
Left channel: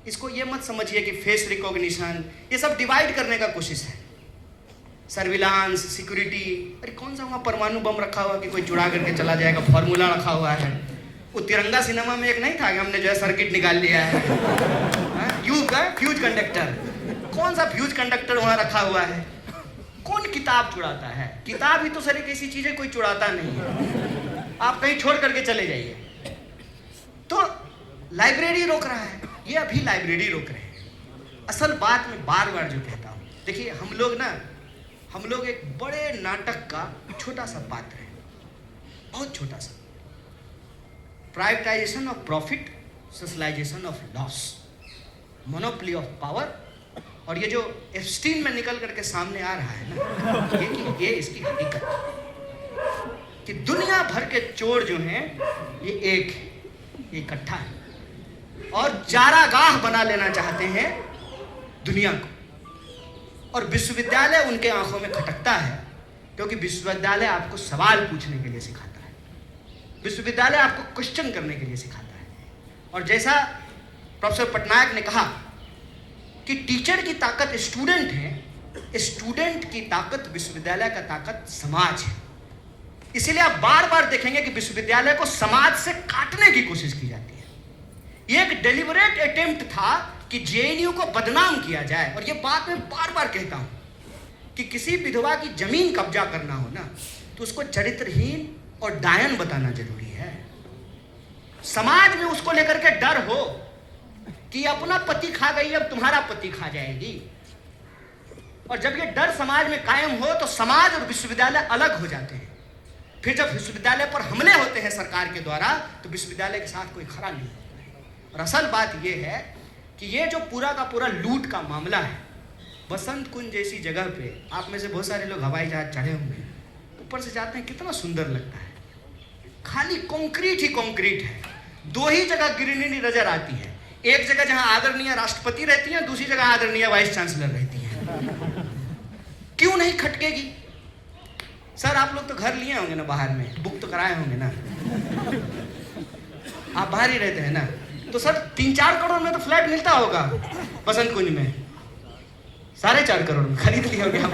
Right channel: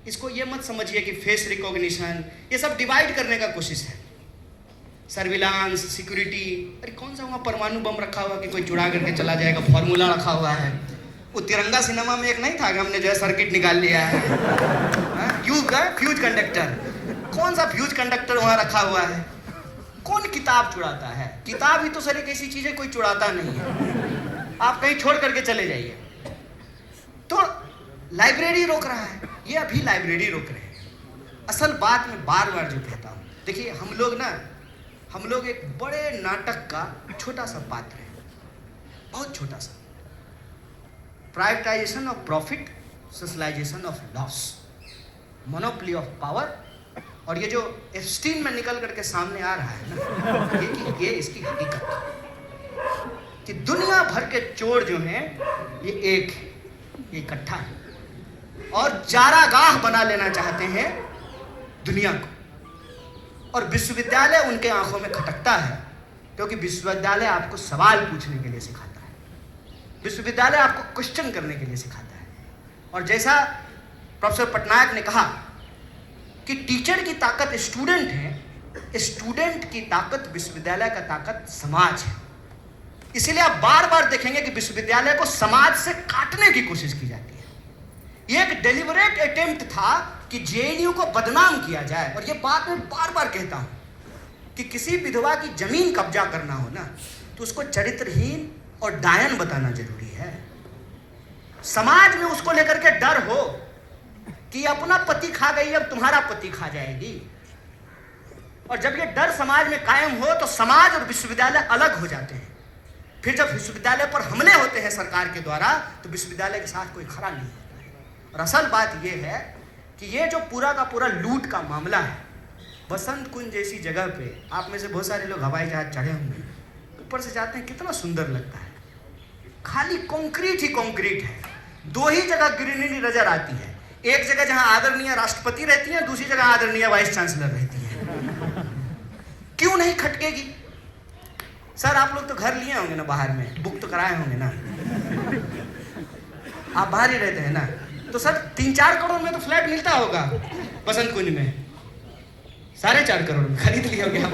इसको ये मत समझिए कि फेस रिकॉग्निशन, ये सब डिवाइड करने का कोशिश है। सर्विलांस, सिक्योरिटी, अरे कौन सा वहाँ परमाणु बम रखा हुआ कि कोई चुरा करके चला जाएगा, फॉर्मूला रखा हुआ है। वो तिरंगा सिनेमा में एक नहीं था कि हमने जो है सर्किट निकाल लिया है, फ्यूज कंडक्टर, कौन सा फ्यूज कंडक्टर वहाँ रखा हुआ है? कौन किताब चुराता है? किताब ही तो सर एक ऐसी चीज है कोई चुराता नहीं है, आप कहीं छोड़ करके चले जाइए। तो लाइब्रेरी रोक रहा है, ये अभी लाइब्रेरी रोक रहे हैं। असल बात मैं बार बार जो कहता हूँ, देखिए हम लोग एक बड़े नाटक का छोटा सा पात्र है, बहुत छोटा सा। Privatisation of profit, socialisation of loss, monopoly of power. और ये जो एप्स्टीन में निकल करके सामने आ रहा है ना, ये इसकी हकीकत है कि दुनिया भर के चोर जो हैं ये एक इकट्ठा है और चारागाह बना लेना चाहते हैं दुनिया को। और विश्वविद्यालय उनके आंखों में खटकता है, क्योंकि विश्वविद्यालय आपको सवाल पूछने के लिए सिखाता है, विश्वविद्यालय आपको क्वेश्चन करने के लिए सिखाता है। और जैसा प्रोफेसर पटनायक ने कहा कि टीचर की ताकत स्टूडेंट है, स्टूडेंट की ताकत विश्वविद्यालय का ताकत समाज है। इसीलिए आप बार बार देखेंगे कि विश्वविद्यालय को समाज से काटने की कोशिश की जाती है। ये एक डेलिबरेट अटेम्प्ट था कि जेएनयू को बदनाम किया जाए। और ये बात मैं बार बार कहता हूं कि किसी विधवा की जमीन कब्जा करना हो ना, तो उसको चरित्रहीन और डायन बताना जरूरी है। समाज में उसको लेकर के डर हो कि अपना पति खा गई, अब तुम्हारा पति खा जाएगी। और जब ये डर समाज में कायम हो तो समाज और विश्वविद्यालय अलग हो जाते हैं। फिर जब विश्वविद्यालय पर हमले होते हैं सरकार के द्वारा, तो विश्वविद्यालय के साथ कोई खड़ा नहीं होता है। और असल बात यह है कि ये जो पूरा का पूरा लूट का मामला है, बसंत कुंज जैसी जगह पे, आप में से बहुत सारे लोग हवाई जहाज चढ़े होंगे, ऊपर से जाते हैं कितना सुंदर लगता है। खाली कंक्रीट ही कंक्रीट है। दो ही जगह ग्रीनरी नजर आती है, एक जगह जहां आदरणीय राष्ट्रपति रहती है, दूसरी जगह आदरणीय वाइस चांसलर रहती है। क्यों नहीं खटकेगी? सर आप लोग तो घर लिए होंगे ना, बाहर में बुक तो कराए होंगे ना, आप बाहर ही रहते हैं ना, तो सर 3-4 करोड़ में तो फ्लैट मिलता होगा बसंत कुंज में। 4.5 करोड़ में खरीद लिए होंगे आप।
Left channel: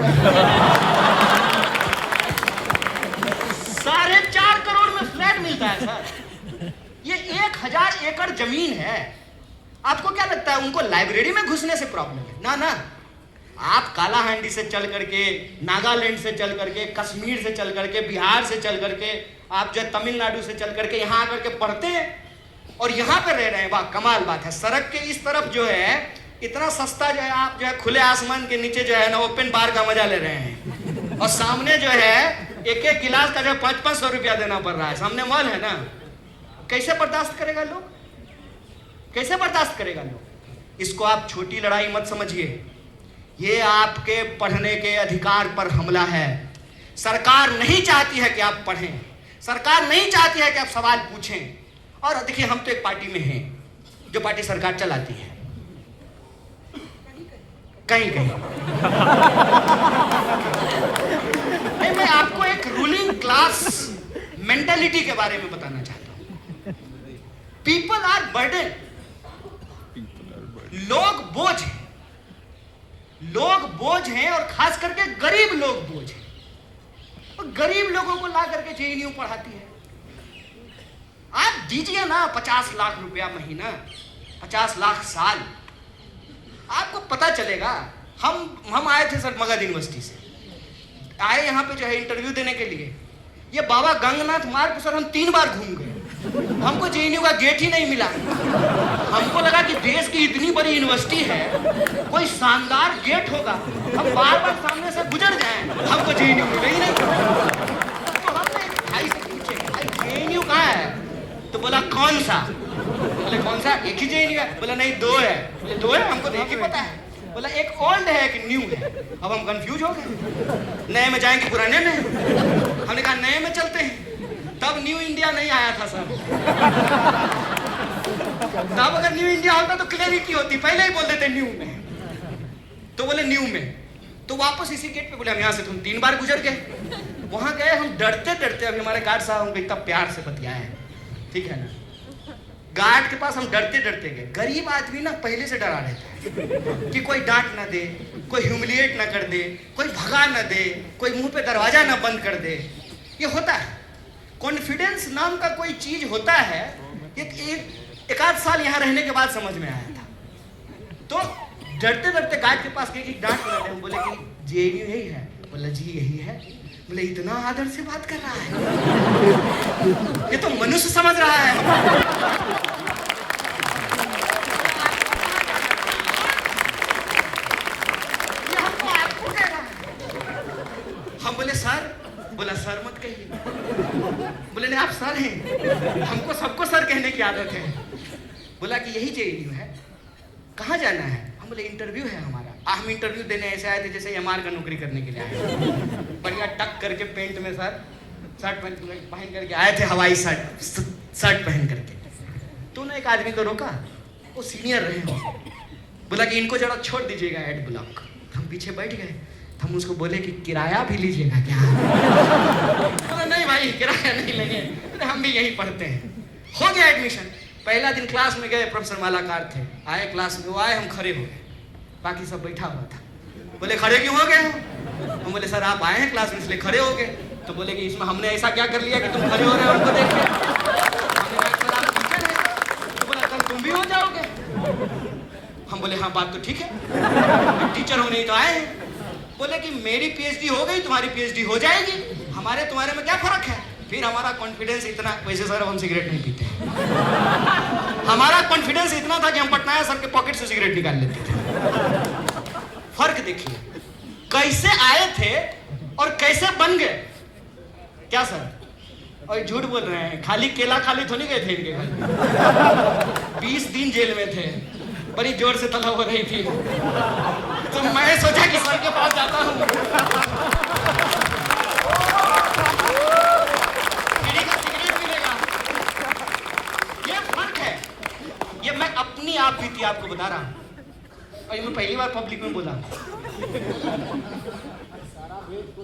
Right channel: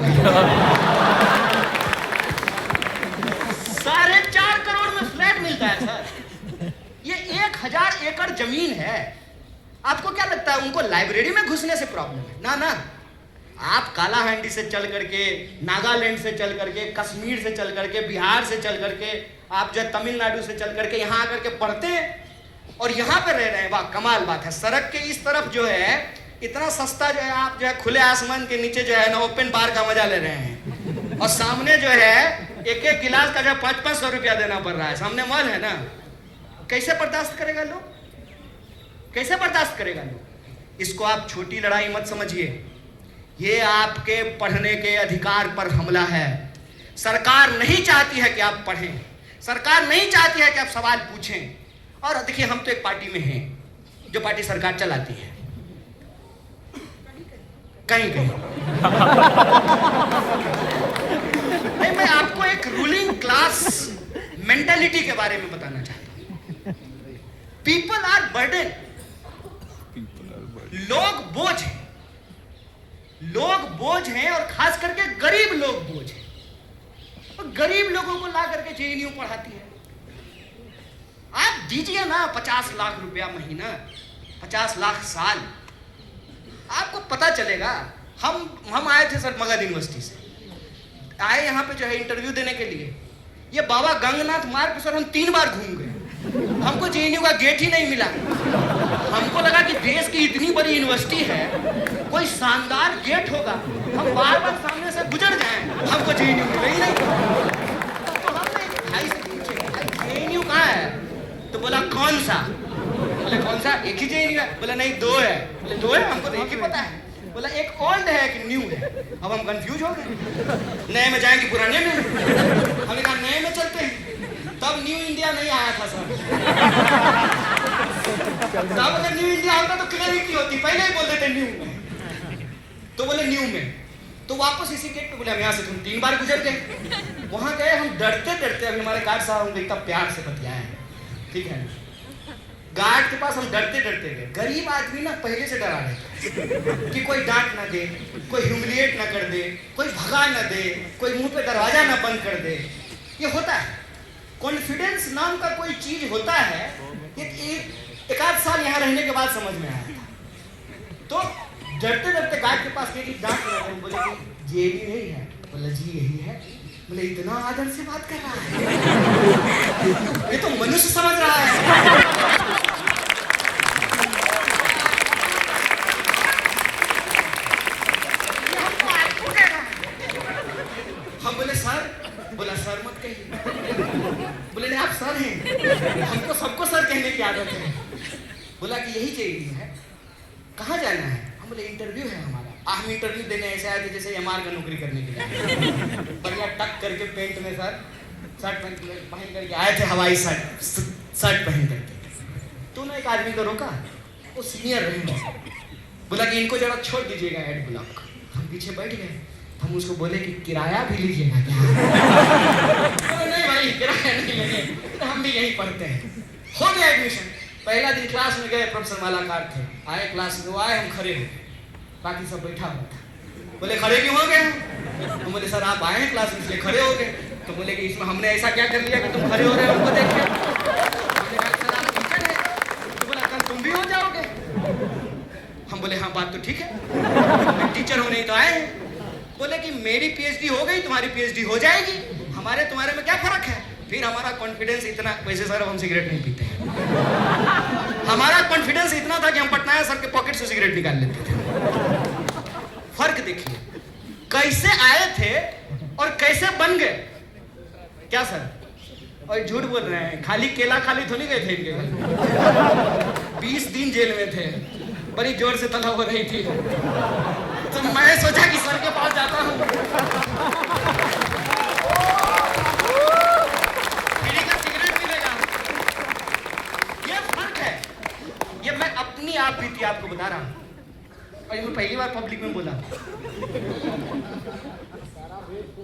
4.5 करोड़ में फ्लैट मिलता है सर। ये 1000 एकड़ जमीन है। आपको क्या लगता है उनको लाइब्रेरी में घुसने से प्रॉब्लम है? ना ना, आप कालाहांडी से चल करके, नागालैंड से चल करके, कश्मीर से चल करके, बिहार से चल करके, आप जो है तमिलनाडु से चल करके यहाँ आकर के पढ़ते हैं और यहाँ पे रह रहे हैं। वाह, कमाल बात है। सड़क के इस तरफ जो है इतना सस्ता जो है, आप जो है खुले आसमान के नीचे जो है ना ओपन बार का मजा ले रहे हैं, और सामने जो है एक एक गिलास का जो 500-500 रुपया देना पड़ रहा है। सामने मॉल है ना, कैसे बर्दाश्त करेगा लोग? कैसे बर्दाश्त करेगा लोग? इसको आप छोटी लड़ाई मत समझिए, ये आपके पढ़ने के अधिकार पर हमला है। सरकार नहीं चाहती है कि आप पढ़ें, सरकार नहीं चाहती है कि आप सवाल पूछें। और देखिए, हम तो एक पार्टी में हैं जो पार्टी सरकार चलाती है, कहीं कहीं नहीं। मैं आपको एक रूलिंग क्लास मेंटालिटी के बारे में बताना चाहता हूं। पीपल आर बर्डन, लोग बोझ हैं, लोग बोझ हैं, और खास करके गरीब लोग बोझ हैं। और गरीब लोगों को ला करके जेएनयू पढ़ाती है। आप दीजिए ना 50 लाख रुपया महीना, 50 लाख साल, आपको पता चलेगा। हम आए थे सर मगध यूनिवर्सिटी से, आए यहाँ पे जो है इंटरव्यू देने के लिए। ये बाबा गंगनाथ मार्ग सर हम 3 बार घूम गए, हमको जेएनयू का गेट ही नहीं मिला। हमको लगा कि देश की इतनी बड़ी यूनिवर्सिटी है, कोई शानदार गेट होगा, हम बार बार सामने से गुजर जाएं, हमको जेएनयू मिला ही नहीं। तो हमने भाई से पूछे, भाई जेएनयू कहाँ है? तो बोला कौन सा? बोले कौन सा? एक ही जेएनयू है। बोला नहीं, 2 है। बोले 2 है? हमको तो एक ही पता है। बोला एक ओल्ड है एक न्यू है। अब हम कंफ्यूज हो गए, नए में जाएंगे पुराने में? हमने कहा नए में चलते हैं। तब न्यू इंडिया नहीं आया था सर। तब अगर न्यू इंडिया होता तो क्लियरिटी होती, पहले ही बोल देते न्यू में। तो बोले न्यू में, तो वापस इसी गेट पे बोले हम यहाँ से तुम 3 बार गुजर गए। वहां गए हम डरते डरते, अभी हमारे गार्ड साहब हमको इतना प्यार से बतियाए हैं, ठीक है ना। गार्ड के पास हम डरते डरते गए। गरीब आदमी ना पहले से डरा रहता है कि कोई डांट ना दे, कोई ह्यूमिलिएट ना कर दे, कोई भगा ना दे, कोई मुंह पे दरवाजा ना बंद कर दे। ये होता है, कॉन्फिडेंस नाम का कोई चीज होता है। एक आध साल यहाँ रहने के बाद समझ में आया था। तो डरते डरते गार्ड के पास गए कि डांट ना दे। बोले कि जेएनयू यही है? बोला जी यही है। बोले इतना आदर से बात कर रहा है, ये तो मनुष्य समझ रहा है। हम बोले सर, बोला सर मत कहिए। बोले नहीं आप सर हैं, हमको सबको सर कहने की आदत है। बोला कि यही जेएनयू है, कहाँ जाना है? हम बोले इंटरव्यू है हमारा। हम इंटरव्यू देने ऐसे आए थे जैसे एमआर का नौकरी करने के लिए। बढ़िया टक करके पेंट में सर, शर्ट पहन करके आए थे, हवाई शर्ट पहन करके। तो ना एक आदमी को रोका, वो सीनियर रहे हो। बोला कि इनको जरा छोड़ दीजिएगा एड ब्लॉक। हम पीछे बैठ गए। हम उसको बोले कि किराया भी लीजिएगा क्या? बोला नहीं भाई किराया नहीं लेंगे, हम भी यहीं पढ़ते हैं। हो गया एडमिशन। पहला दिन क्लास में गए, प्रोफेसर मालाकार थे, आए क्लास में, वो आए, हम खड़े हो गए, बाकी सब बैठा हुआ था। बोले खड़े क्यों हो गए? हम बोले सर आप आए हैं क्लास में इसलिए खड़े हो गए। तो बोले कि इसमें हमने ऐसा क्या कर लिया कि तुम खड़े हो रहे हो हमको देख के? तो बोला कल तुम भी हो जाओगे। हम बोले हाँ बात तो ठीक है, टीचर होने ही तो आए हैं। बोले कि मेरी पीएचडी हो गई, तुम्हारी पीएचडी हो जाएगी, हमारे तुम्हारे में क्या फर्क है? फिर हमारा कॉन्फिडेंस इतना, वैसे सर हम सिगरेट नहीं पीते हैं, हमारा कॉन्फिडेंस इतना था कि हम पटनायक सर के पॉकेट से सिगरेट निकाल लेते थे। फर्क देखिए, कैसे आए थे और कैसे बन गए। क्या सर? और झूठ बोल रहे हैं, खाली केला खाली थोड़ी गए थे इनके घर। 20 दिन जेल में थे, बड़ी जोर से तलब हो रही थी। तो मैं सोचा कि सर के पास जाता हूँ, अपनी आप बीती आपको बता रहा हूं, और ये मैं पहली बार पब्लिक में बोला।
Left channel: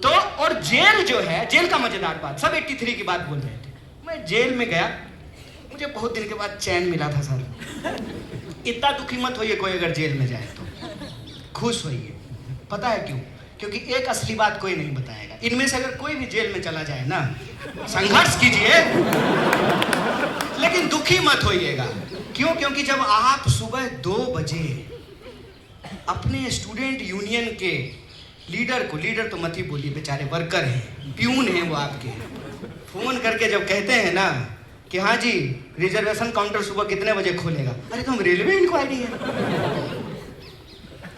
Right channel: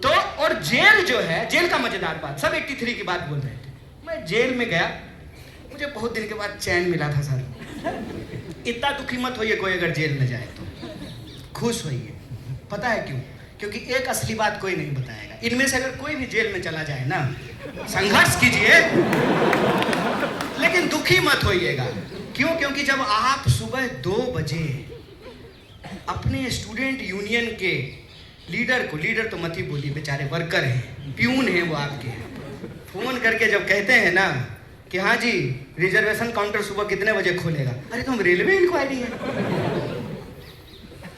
तो और जेल जो है, जेल का मजेदार बात, सब 83 की बात बोल रहे थे। मैं जेल में गया, मुझे बहुत दिन के बाद चैन मिला था सर। इतना दुखी मत होइए कोई अगर जेल में जाए तो, खुश होइए। पता है क्यों? क्योंकि एक असली बात कोई नहीं बताएगा। इनमें से अगर कोई भी जेल में चला जाए ना, संघर्ष कीजिए लेकिन दुखी मत होइएगा। क्यों? क्योंकि जब आप सुबह 2 बजे अपने स्टूडेंट यूनियन के लीडर को, लीडर तो मत ही बोलिए, बेचारे वर्कर हैं, प्यून हैं वो आपके, फोन करके जब कहते हैं ना कि हाँ जी रिजर्वेशन काउंटर सुबह कितने बजे खोलेगा, अरे तो हम रेलवे इंक्वायरी है।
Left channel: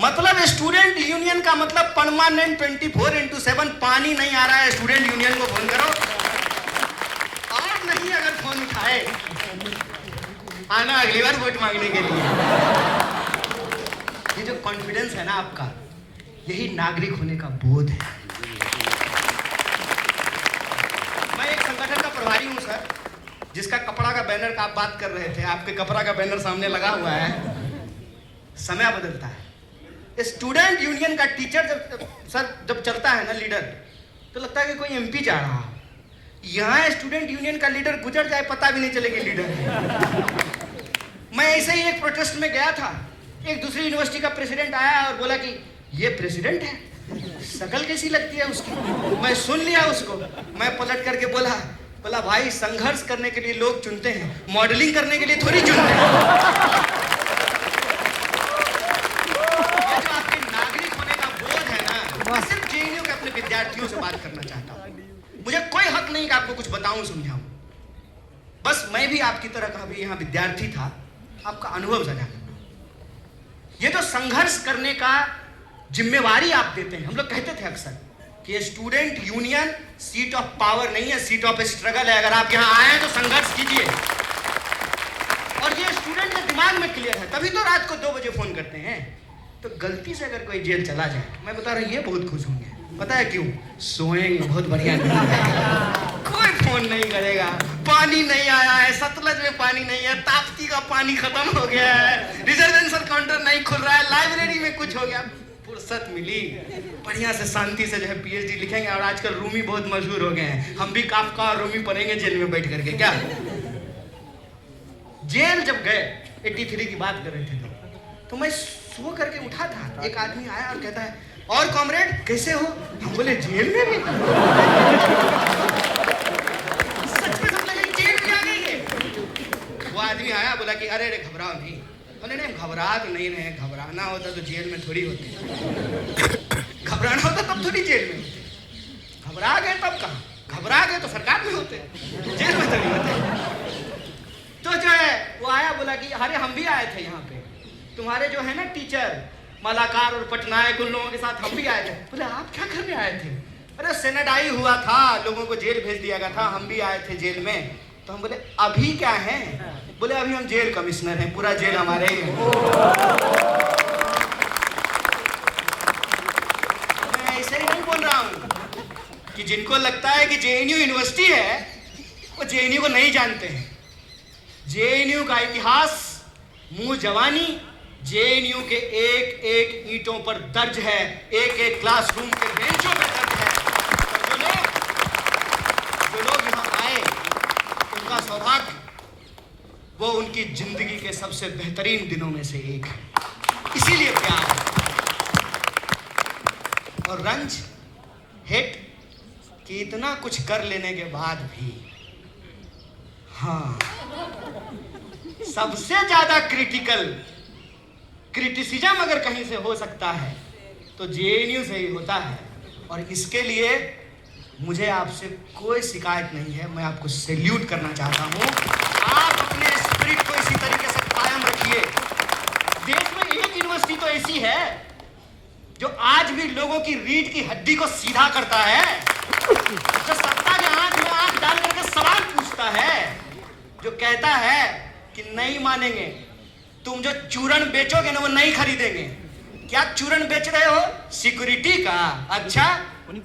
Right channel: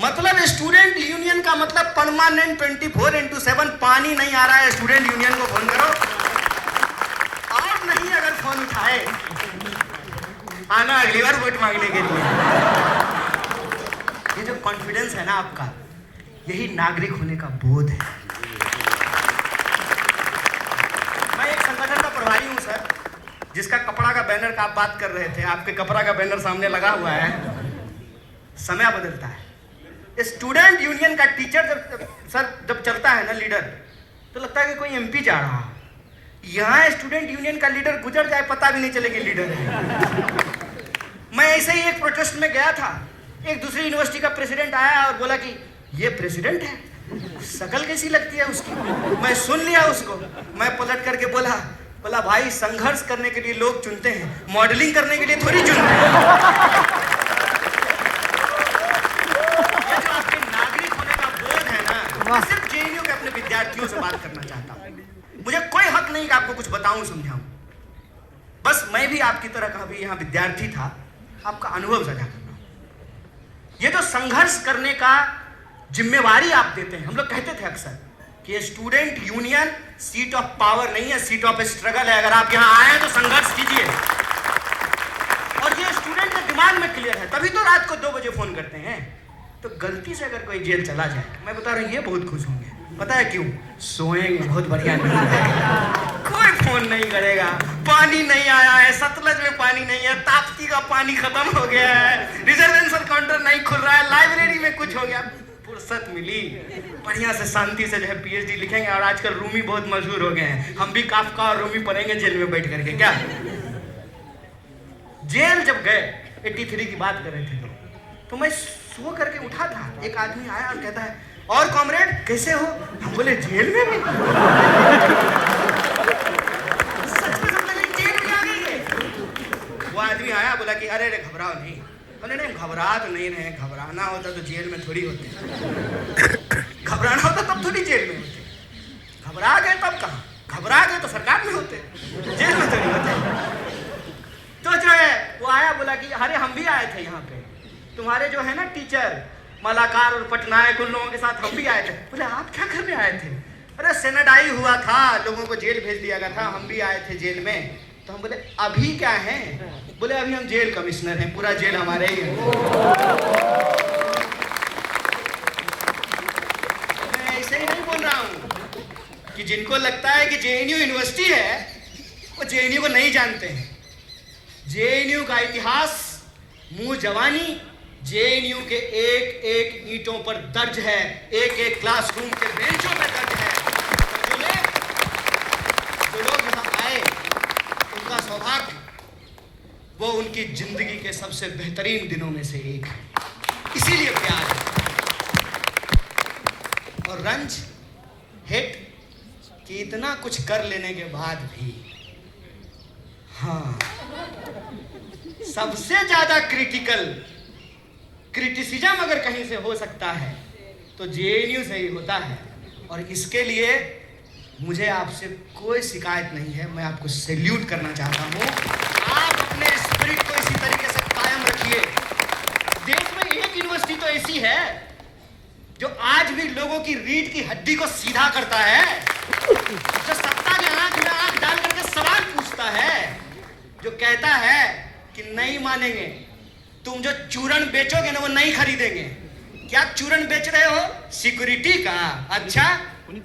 मतलब स्टूडेंट यूनियन का मतलब परमानेंट 24/7 पानी नहीं आ रहा है, स्टूडेंट यूनियन को फोन करो। और नहीं अगर फोन उठाए आना अगली बार वोट मांगने के लिए। ये जो कॉन्फिडेंस है ना आपका, यही नागरिक होने का बोध है। मैं एक संगठन का प्रभारी हूं सर, जिसका कपड़ा का बैनर का आप बात कर रहे थे, आपके कपड़ा का बैनर सामने लगा हुआ है। समय बदलता है। स्टूडेंट यूनियन का टीचर जब चलता है ना लीडर, तो लगता है कि कोई एमपी जा रहा हो। यहाँ स्टूडेंट यूनियन का लीडर गुजर जाए पता भी नहीं चलेगी लीडर है। मैं ऐसे ही एक प्रोटेस्ट में गया था, एक दूसरी यूनिवर्सिटी का प्रेसिडेंट आया और बोला कि ये प्रेसिडेंट है, शकल कैसी लगती है उसकी। मैं सुन लिया उसको, मैं पलट करके बोला भाई संघर्ष करने के लिए लोग चुनते हैं, मॉडलिंग करने के लिए थोड़ी चुनते हैं। ये जो आपके नागरिक होने का बोध है ना, मैं सिर्फ जेएनयू के अपने विद्यार्थियों से बात करना चाहता हूँ। मुझे कोई हक नहीं कि आपको कुछ बताऊं समझाऊं, बस मैं भी आपकी तरह का भी यहाँ विद्यार्थी था, आपका अनुभव साझा करना। ये जो संघर्ष करने का जिम्मेवारी आप देते हैं, हम लोग कहते थे अक्सर कि student union seat of power नहीं है, सीट ऑफ स्ट्रगल है। अगर आप यहाँ आए हैं तो संघर्ष कीजिए। और ये स्टूडेंट के दिमाग में क्लियर है, तभी तो रात को 2 बजे फोन करते हैं। तो गलती से अगर कोई जेल चला जाए, मैं बता रहा हूँ ये बहुत खुश होंगे। पता है क्यों? सोएंगे बहुत बढ़िया नींद है, कोई फोन नहीं करेगा। पानी नहीं आया है, सतलज में पानी नहीं है, ताप्ती का पानी खत्म हो गया है, रिजर्वेशन काउंटर नहीं खुल रहा है, लाइब्रेरी में कुछ हो गया, फुर्सत मिली, बढ़िया से शांति से जो है पीएचडी लिखेंगे। और आजकल रूमी बहुत मशहूर हो गए हैं, हम भी काफका और रूमी पढ़ेंगे जेल में बैठ करके। क्या जेल जब गए, 83 की बात कर रहे थे लोग, तो मैं सो करके उठा था, एक आदमी आया और कहता है और कॉमरेड कैसे हो? हम बोले जेल में भी? सच में मतलब जेल में आ गए। वो आदमी आया, बोला कि अरे घबराओ नहीं। बोले नहीं घबरा तो नहीं रहे, घबराना होता तो जेल में थोड़ी होते, घबराना होता तब थोड़ी जेल में होते। घबरा गए तब कहाँ, घबरा गए तो सरकार में होते, जेल में थोड़ी होते। तो जो है वो आया, बोला कि अरे हम भी आए थे यहाँ पे, तुम्हारे जो है ना टीचर मलाकार और पटनायक, उन लोगों के साथ हम भी आए थे। बोले आप क्या करने आए थे? अरे सेनेडाई हुआ था, लोगों को जेल भेज दिया गया था, हम भी आए थे जेल में। तो हम बोले अभी क्या है? बोले अभी हम जेल कमिश्नर हैं, पूरा जेल हमारे ही है। मैं ऐसे ही नहीं बोल रहा हूं कि जिनको लगता है कि जेएनयू यूनिवर्सिटी है वो जेएनयू को नहीं जानते हैं। जेएनयू का इतिहास, मुंह जवानी जेएनयू के एक एक ईंटों पर दर्ज है, एक एक क्लासरूम के बेंचों पर दर्ज है। जो लोग यहाँ आए उनका सौभाग्य, वो उनकी जिंदगी के सबसे बेहतरीन दिनों में से एक है, इसीलिए प्यार है। और रंज, हिट कि इतना कुछ कर लेने के बाद भी, हाँ, सबसे ज्यादा क्रिटिसिज्म अगर कहीं से हो सकता है तो जेएनयू से ही होता है। और इसके लिए मुझे आपसे कोई शिकायत नहीं है, मैं आपको सैल्यूट करना चाहता हूं। आप अपने स्पिरिट को इसी तरीके से कायम रखिए। देश में एक यूनिवर्सिटी तो ऐसी है जो आज भी लोगों की रीढ़ की हड्डी को सीधा करता है, जो सत्ता के आंख में आंख डाल करके सवाल पूछता है, जो कहता है कि नहीं मानेंगे, तुम जो चूरन बेचोगे ना वो नहीं खरीदेंगे। क्या चूरन बेच रहे हो? सिक्योरिटी का। अच्छा,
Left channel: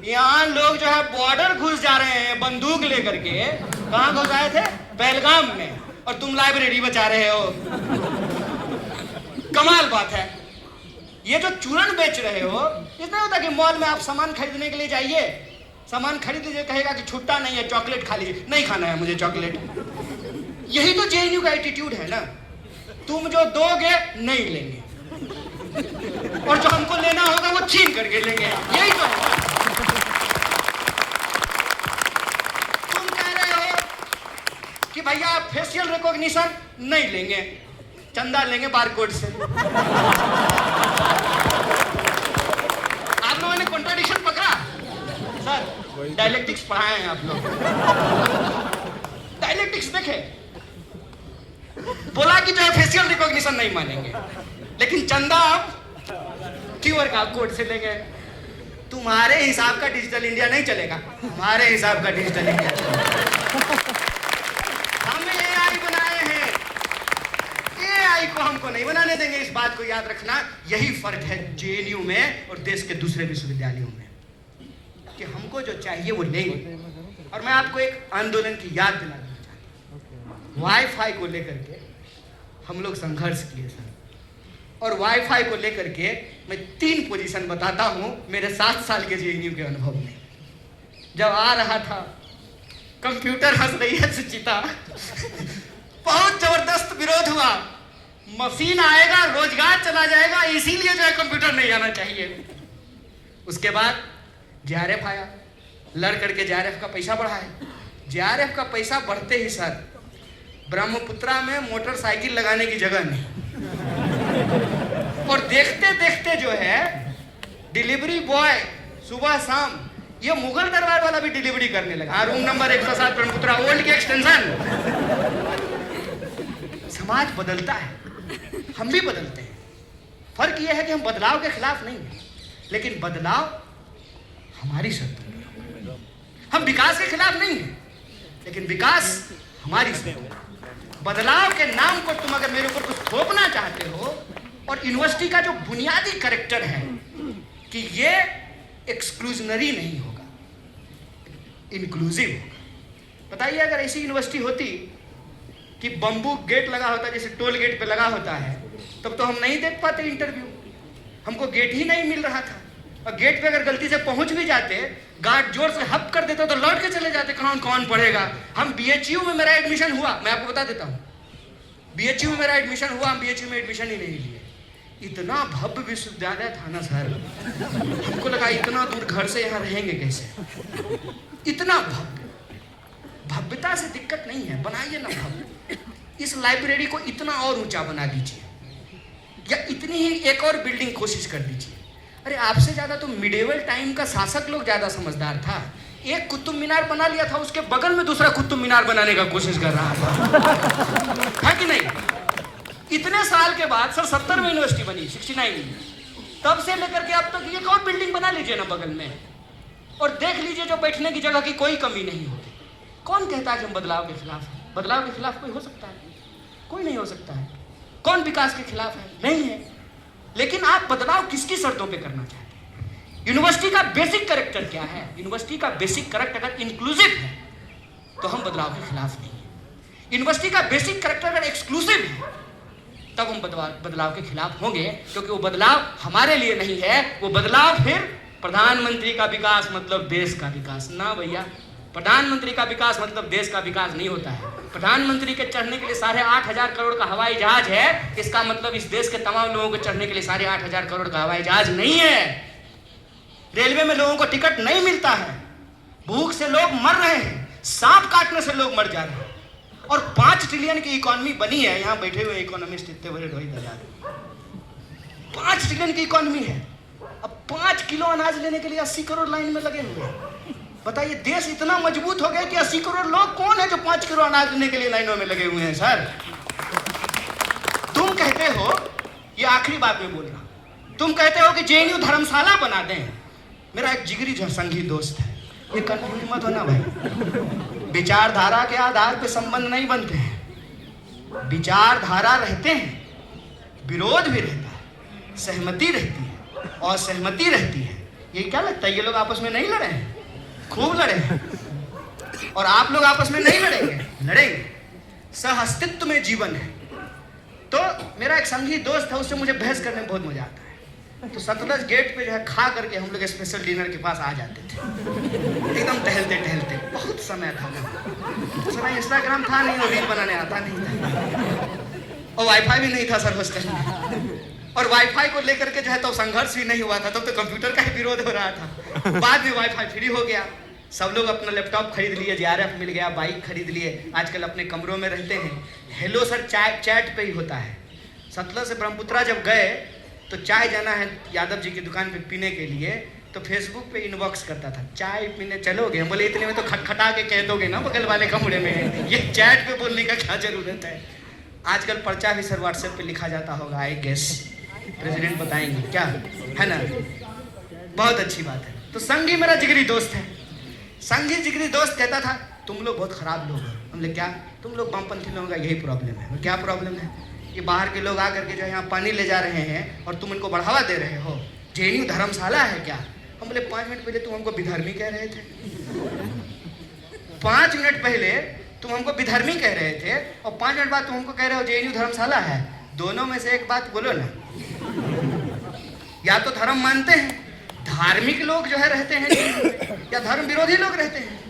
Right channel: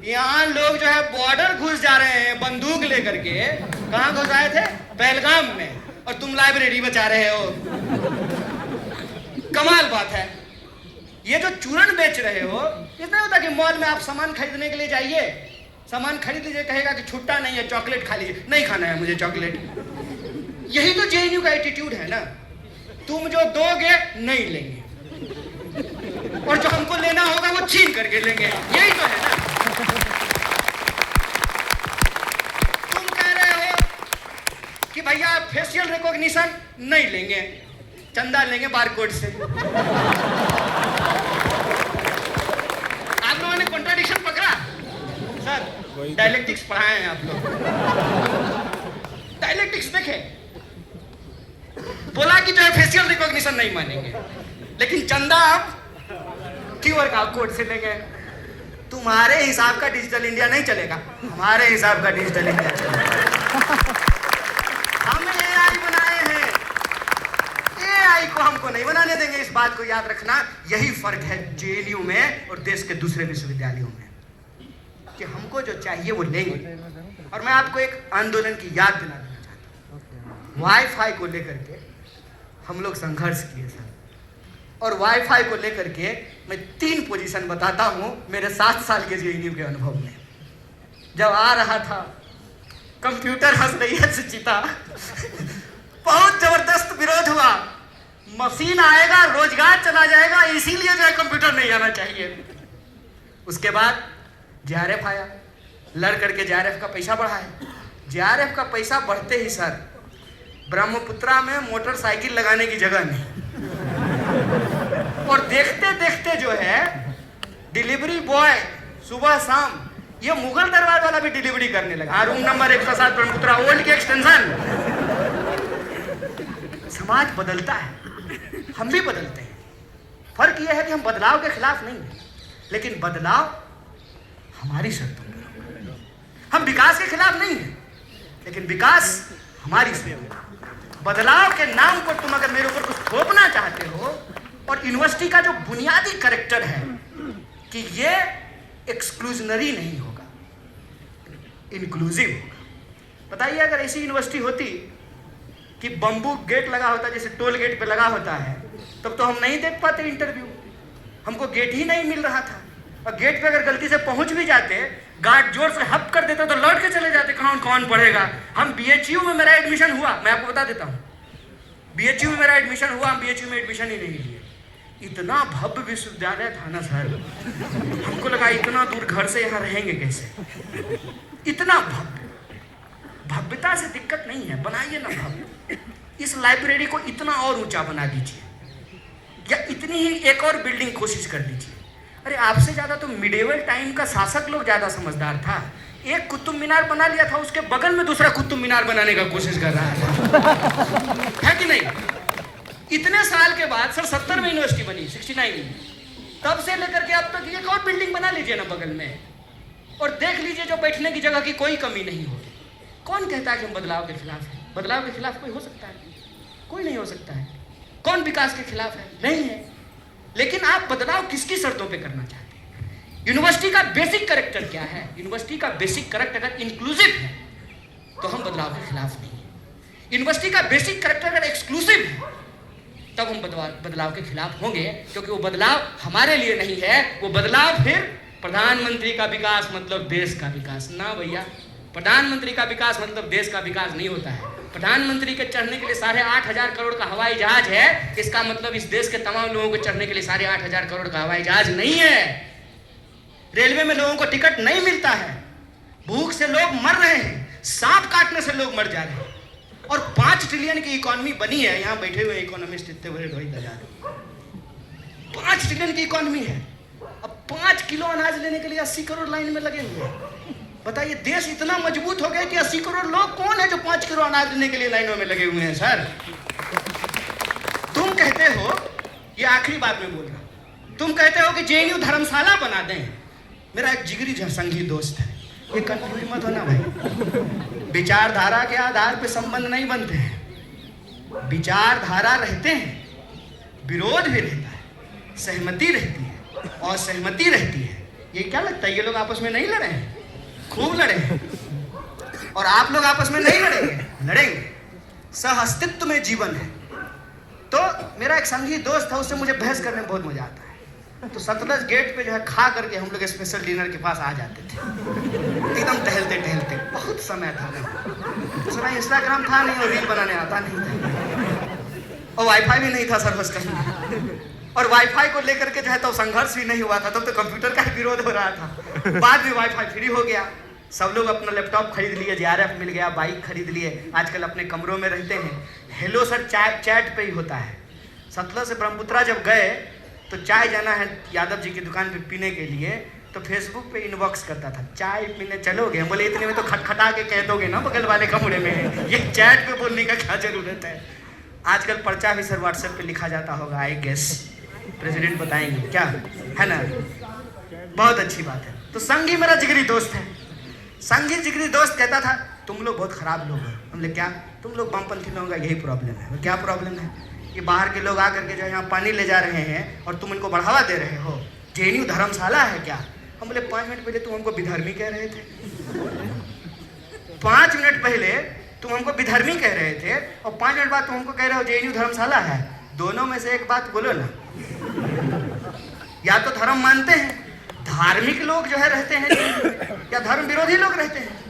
यहाँ लोग जो है बॉर्डर घुस जा रहे हैं बंदूक लेकर के। कहाँ घुस आए थे? पहलगाम में, और तुम लाइब्रेरी बचा रहे हो। कमाल बात है। ये जो चूरन बेच रहे हो, इतना होता कि मॉल में आप सामान खरीदने के लिए जाइए, सामान खरीद लीजिए, कहेगा कि छुट्टा नहीं है, चॉकलेट खा लीजिए। नहीं खाना है मुझे चॉकलेट। यही तो जेएनयू का एटीट्यूड है ना, तुम जो दोगे नहीं लेंगे, और जो हमको लेना होगा वो छीन करके लेंगे। यही तो है ना। तुम कह रहे हो कि भैया फेशियल रिकॉग्निशन नहीं लेंगे, चंदा लेंगे बारकोड से। आप लोगों ने कॉन्ट्राडिक्शन पकड़ा? सर डायलेक्टिक्स पढ़ाए हैं आप लोग, डायलेक्टिक्स देखे। बोला कि जो है फेशियल रिकॉग्निशन नहीं मानेंगे, लेकिन चंदा आप क्यूआर कोड से लेंगे। तुम्हारे हिसाब का डिजिटल इंडिया नहीं चलेगा, हमारे हिसाब का डिजिटल इंडिया चलेगा। हम एआई बनाए हैं, एआई को हमको नहीं बनाने देंगे। इस बात को याद रखना। यही फर्क है जेएनयू में और देश के दूसरे विश्वविद्यालयों में, कि हमको जो चाहिए वो लेंगे। और मैं आपको एक आंदोलन की याद दिला देना चाहता हूँ। वाईफाई को लेकर के हम लोग संघर्ष किए सर, और वाईफाई को लेकर के मैं 3 पोजीशन बताता हूँ मेरे 7 साल के जेएनयू के अनुभव में। जब आ रहा था, कंप्यूटर हंस रही है सुचिता, बहुत जबरदस्त विरोध हुआ। मशीन आएगा, रोजगार चला जाएगा, इसीलिए जो है कंप्यूटर नहीं आना चाहिए। उसके बाद जेआरएफ आया, लड़ करके जेआरएफ का पैसा बढ़ाया। जेआरएफ का पैसा बढ़ते ही सर ब्रह्मपुत्रा में मोटरसाइकिल लगाने की जगह नहीं, और देखते देखते जो है डिलीवरी बॉय सुबह शाम ये मुगल दरबार वाला भी डिलीवरी करने लगा। रूम नंबर 107 ब्रह्मपुत्रा ओल्ड की एक्सटेंशन। समाज बदलता है, हम भी बदलते हैं। फर्क यह है कि हम बदलाव के खिलाफ नहीं हैं, लेकिन बदलाव हमारी शर्तों पर। हम विकास के खिलाफ नहीं हैं, लेकिन विकास हमारी शर्तों पर। बदलाव के नाम पर तुम अगर मेरे ऊपर कुछ थोपना चाहते हो, और यूनिवर्सिटी का जो बुनियादी कैरेक्टर है कि ये एक्सक्लूजनरी नहीं होगा, इंक्लूसिव होगा। बताइए अगर ऐसी यूनिवर्सिटी होती कि बम्बू गेट लगा होता, जैसे टोल गेट पे लगा होता है, तब तो हम नहीं देख पाते इंटरव्यू। हमको गेट ही नहीं मिल रहा था, और गेट पे अगर गलती से पहुंच भी जाते, गार्ड जोर से हप कर देता तो लौट के चले जाते। कौन पढ़ेगा? हम बीएचयू में मेरा एडमिशन हुआ, मैं आपको बता देता हूँ, बीएचयू में मेरा एडमिशन हुआ, हम बीएचयू में एडमिशन ही नहीं लिए। इतना भव्य विश्वविद्यालय था ना सर, हमको लगा इतना दूर घर से यहाँ रहेंगे कैसे। इतना भव्य, भव्यता से दिक्कत नहीं है, बनाइए ना भव्य। इस लाइब्रेरी को इतना और ऊंचा बना दीजिए, या इतनी ही एक और बिल्डिंग कोशिश कर दीजिए। अरे आपसे ज्यादा तो मिडेवल टाइम का शासक लोग ज्यादा समझदार था। एक कुतुब मीनार बना लिया था, उसके बगल में दूसरा कुतुब मीनार बनाने का कोशिश कर रहा था, है कि नहीं? इतने साल के बाद सर 70 में यूनिवर्सिटी बनी, 69 में, तब से लेकर के अब तक एक और बिल्डिंग बना लीजिए ना बगल में, और देख लीजिए जो बैठने की जगह की कोई कमी नहीं होगी। कौन कहता है कि हम बदलाव के खिलाफ हैं? बदलाव के खिलाफ कोई हो सकता है? कोई नहीं हो सकता है। कौन विकास के खिलाफ है? नहीं है। लेकिन आप बदलाव किसकी शर्तों पे करना चाहते हैं? यूनिवर्सिटी का बेसिक कैरेक्टर क्या है? यूनिवर्सिटी का बेसिक कैरेक्टर अगर इंक्लूसिव है तो हम बदलाव के खिलाफ नहीं है। यूनिवर्सिटी का बेसिक कैरेक्टर अगर एक्सक्लूसिव है तब हम बदलाव के खिलाफ होंगे, क्योंकि वो बदलाव हमारे लिए नहीं है। वो बदलाव फिर प्रधानमंत्री का विकास मतलब देश का विकास ना भैया। प्रधानमंत्री का विकास मतलब देश का विकास नहीं होता है। प्रधानमंत्री के चढ़ने के लिए 8,500 करोड़ का हवाई जहाज है, इसका मतलब इस देश के तमाम लोगों को चढ़ने के लिए 8,500 करोड़ का हवाई जहाज नहीं है। रेलवे में लोगों को टिकट नहीं मिलता है, भूख से लोग मर रहे हैं, सांप काटने से लोग मर जा रहे हैं, और 5 ट्रिलियन की इकोनॉमी बनी है। यहाँ बैठे हुए इकोनॉमिस्ट इतने बड़े ढोई बजा रहे, 5 ट्रिलियन की इकोनॉमी है। अब 5 किलो अनाज लेने के लिए 80 करोड़ लाइन में लगे हुए हैं। बताइए देश इतना मजबूत हो गया कि 80 करोड़ लोग कौन है जो 5 किलो अनाज लेने के लिए लाइनों में लगे हुए हैं। सर तुम कहते हो, ये आखिरी बात में बोल रहा हूं, तुम कहते हो कि जेएनयू धर्मशाला बना दें। मेरा एक जिगरी संगी दोस्त है, ये कंफ्यूज मत होना भाई। विचारधारा के आधार पे संबंध नहीं बनते हैं, विचारधारा रहते हैं, विरोध भी रहता है, सहमति रहती है और सहमति रहती है। ये क्या लगता है ये लोग आपस में नहीं लड़े हैं? खूब लड़े हैं। और आप लोग आपस में नहीं लड़ेंगे, लड़ेंगे। सह अस्तित्व में जीवन है। तो मेरा एक संगी दोस्त था, उससे मुझे बहस करने में बहुत मजा आता है। तो सतलज गेट पे जो है खा करके हम लोग स्पेशल डिनर के पास आ जाते थे, एकदम टहलते टहलते। बहुत समय था ना, दूसरा इंस्टाग्राम था नहीं और रील बनाने आता नहीं था, और वाईफाई भी नहीं था सर हॉस्टल में। और वाईफाई को लेकर के जो है तो संघर्ष भी नहीं हुआ था, तब तो कंप्यूटर का ही विरोध हो रहा था। बाद में वाईफाई फ्री हो गया, सब लोग अपना लैपटॉप खरीद लिए, जेआरएफ मिल गया, बाइक खरीद लिए, आजकल अपने कमरों में रहते हैं। हेलो सर चैट पे ही होता है, सतलज से ब्रह्मपुत्रा जब गए तो चाय जाना है यादव जी की दुकान पे पीने के लिए, तो फेसबुक पे इनबॉक्स करता था, चाय पीने चलोगे? हम बोले इतने में तो खटखटा के कह दोगे ना बगल वाले कमरे में, ये चैट पे बोलने का क्या जरूरत है। आजकल पर्चा भी सर व्हाट्सएप पे लिखा जाता होगा, आई गेस प्रेसिडेंट बताएंगे क्या, है ना? बहुत अच्छी बात है। तो संघी मेरा जिगरी दोस्त है। संघी जिगरी दोस्त कहता था तुम लोग बहुत खराब लोग हो। हमने क्या? तुम लोग वामपंथी लोगों का यही प्रॉब्लम है। क्या प्रॉब्लम है? कि बाहर के लोग आकर के जो यहाँ पानी ले जा रहे हैं और तुम इनको बढ़ावा दे रहे हो। जेएनयू धर्मशाला है क्या? हम बोले 5 मिनट पहले तुम हमको विधर्मी कह रहे थे। 5 मिनट पहले तुम हमको विधर्मी कह रहे थे और 5 मिनट बाद तुम हमको कह रहे हो जेएनयू धर्मशाला है। दोनों में से एक बात बोलो ना। या तो धर्म मानते हैं, धार्मिक लोग जो है रहते हैं जेएनयू में, या धर्म विरोधी लोग रहते हैं।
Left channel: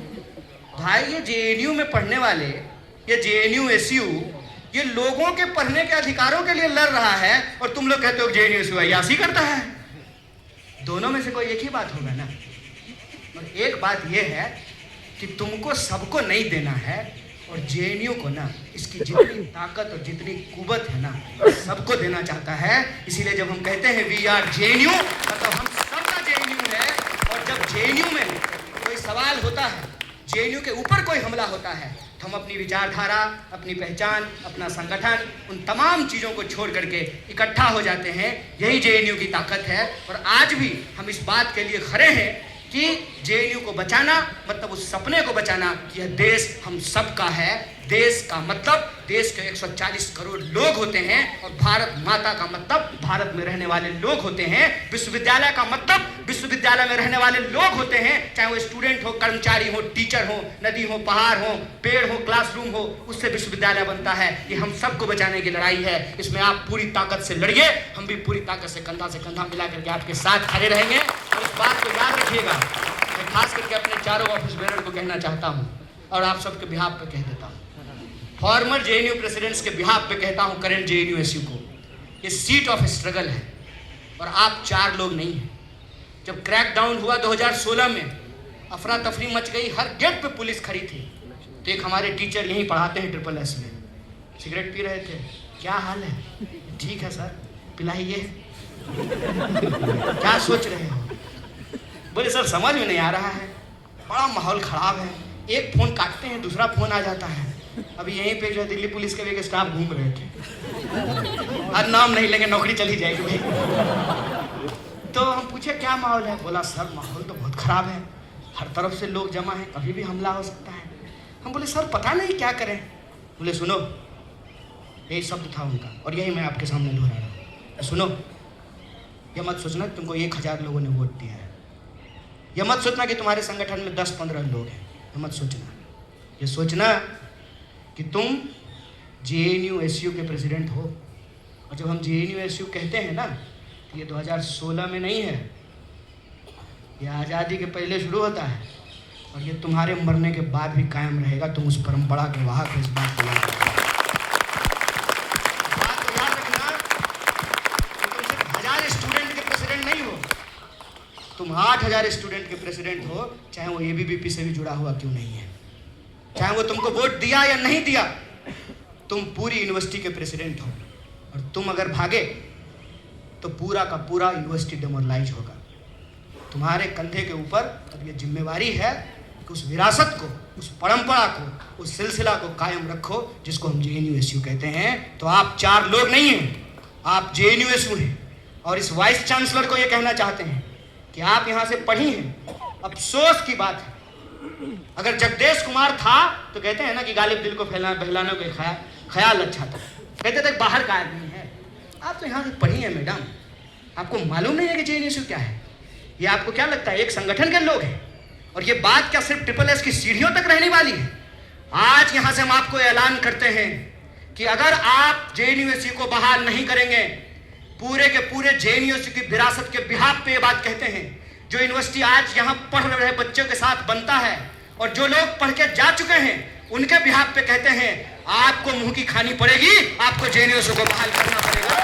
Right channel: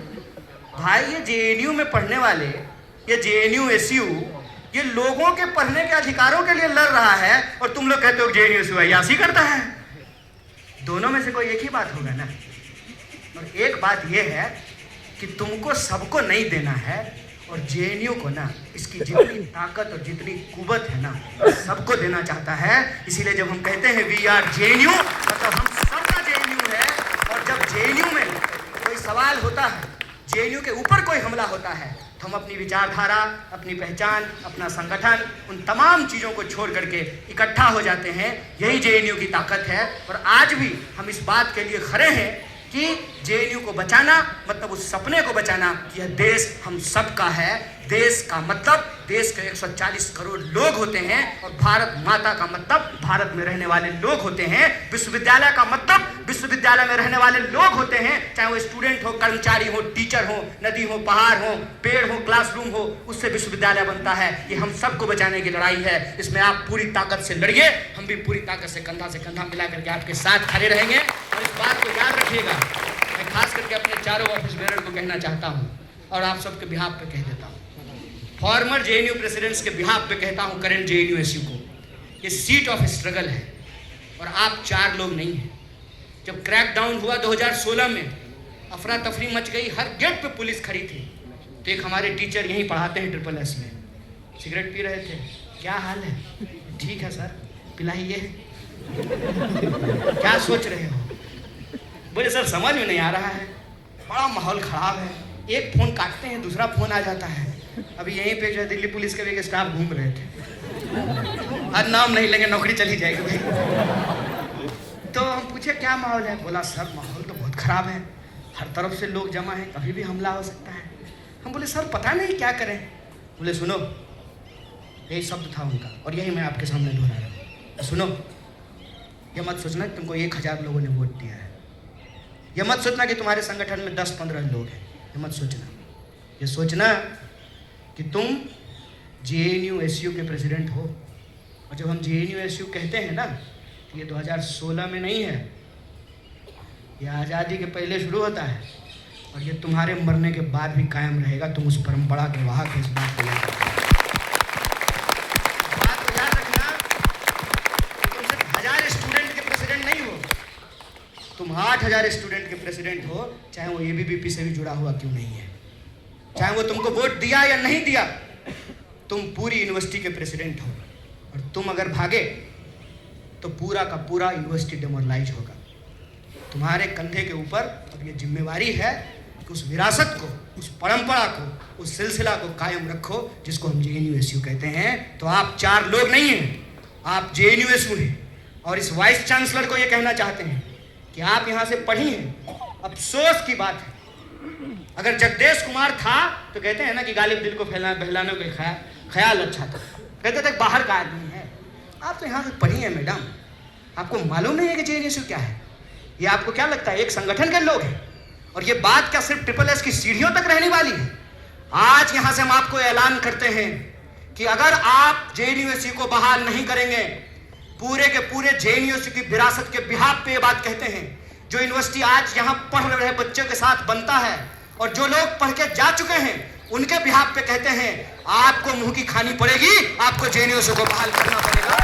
भाई ये जेएनयू में पढ़ने वाले, ये जेएनयू एसयू, ये लोगों के पढ़ने के अधिकारों के लिए लड़ रहा है और तुम लोग कहते हो जेएनयू एसयू अय्याशी करता है। दोनों में से कोई एक ही बात होगा ना। और एक बात यह है कि तुमको सबको नहीं देना है और जेएनयू को ना इसकी जितनी ताकत और जितनी कुवत है ना सबको देना चाहता है। इसीलिए जब हम कहते हैं वी आर जेएनयू, मतलब हम सबका जेएनयू है। और जब जेएनयू में कोई सवाल होता है, जेएनयू के ऊपर कोई हमला होता है, तो हम अपनी विचारधारा, अपनी पहचान, अपना संगठन, उन तमाम चीज़ों को छोड़ करके इकट्ठा हो जाते हैं। यही जेएनयू की ताकत है। और आज भी हम इस बात के लिए खड़े हैं कि जेएनयू को बचाना मतलब उस सपने को बचाना कि यह देश हम सबका है। देश का मतलब देश के 140 करोड़ लोग होते हैं और भारत माता का मतलब भारत में रहने वाले लोग होते हैं। विश्वविद्यालय का मतलब विश्वविद्यालय में रहने वाले लोग होते हैं, चाहे वो स्टूडेंट हो, कर्मचारी हो, टीचर हो, नदी हो, पहाड़ हो, पेड़ हो, क्लासरूम हो, उससे विश्वविद्यालय बनता है। ये हम सबको बचाने की लड़ाई है। इसमें आप पूरी ताकत से लड़िए, हम भी पूरी ताकत से कंधा मिला करके आपके साथ खड़े रहेंगे। और इस बात को याद रखिएगा, मैं खास करके अपने चारों ऑफिस बेरर को कहना चाहता हूँ और आप सबके बिहाफ पे कह देता हूँ, फॉर्मर जेएनयू प्रेसिडेंट्स के बिहाफ पे कहता हूँ, करंट जेएनयू एसयू को, ये सीट ऑफ स्ट्रगल है और आप 4 लोग नहीं हैं। जब क्रैकडाउन हुआ 2016 में, अफरा तफरी मच गई, हर गेट पे पुलिस खड़ी थी। तो एक हमारे टीचर यहीं पढ़ाते हैं SSS में, सिगरेट पी रहे थे। क्या हाल है? ठीक है सर, पिलाइए। क्या सोच रहे हो? बोले सर समझ में नहीं आ रहा है, बड़ा माहौल खराब है। एक फ़ोन काटते हैं दूसरा फ़ोन आ जाता है। अभी यहीं पे जो है दिल्ली पुलिस के भी एक स्टाफ घूम रहे थे, हर नाम नहीं लेंगे, नौकरी चली जाएगी भाई। तो हम पूछे क्या माहौल है? बोला सर माहौल तो बहुत ख़राब है, हर तरफ से लोग जमा हैं, कभी भी हमला हो सकता है। हम बोले सर पता नहीं क्या करें। बोले सुनो, यही शब्द था उनका और यही मैं आपके सामने दोहरा रहा हूँ। सुनो, ये मत सोचना तुमको 1000 लोगों ने वोट दिया है, ये मत सोचना कि तुम्हारे संगठन में 10-15 लोग हैं, ये मत सोचना। ये सोचना कि तुम जेएनयू एसयू के प्रेसिडेंट हो। और जब हम जेएनयू एसयू कहते हैं ना, तो ये 2016 में नहीं है, ये आज़ादी के पहले शुरू होता है और ये तुम्हारे मरने के बाद भी कायम रहेगा। तुम उस परंपरा के वाहक हो, इस बात को याद रखना। बात को याद रखना कि तुम सिर्फ 1000 स्टूडेंट के प्रेसिडेंट नहीं हो, तुम 8000 स्टूडेंट के प्रेसिडेंट हो, चाहे वो एबीवीपी से भी जुड़ा हुआ क्यों नहीं है, चाहे वो तुमको वोट दिया या नहीं दिया, तुम पूरी यूनिवर्सिटी के प्रेसिडेंट हो। और तुम अगर भागे तो पूरा का पूरा यूनिवर्सिटी डिमोरलाइज होगा। तुम्हारे कंधे के ऊपर अब ये जिम्मेवारी है कि उस विरासत को, उस परंपरा को, उस सिलसिला को कायम रखो जिसको हम जेएनयू एसयू कहते हैं। तो आप 4 लोग नहीं हैं, आप जेएनयू एसयू हैं। और इस वाइस चांसलर को ये कहना चाहते हैं कि आप यहाँ से पढ़ी हैं। अफसोस की बात है, अगर जगदेश कुमार था तो कहते हैं ना कि गालिब दिल को बहलाने का ख्याल अच्छा था, कहते थे बाहर का आदमी है। आप तो यहाँ से पढ़ी हैं मैडम, आपको मालूम नहीं है कि जेएनयू एसयू क्या है? ये आपको क्या लगता है एक संगठन के लोग हैं? और ये बात क्या सिर्फ SSS की सीढ़ियों तक रहने वाली है? आज यहाँ से हम आपको ऐलान करते हैं कि अगर आप जेएनयू एसयू को बहाल नहीं करेंगे, पूरे के पूरे जेएनयू एसयू की विरासत के बिहाफ पे ये बात कहते हैं। जो यूनिवर्सिटी आज यहाँ पढ़ रहे बच्चों के साथ बनता है और जो लोग पढ़ के जा चुके हैं उनके बिहाफ पे कहते हैं आपको मुंह की खानी पड़ेगी, आपको जेएनयू एसयू को बहाल करना पड़ेगा।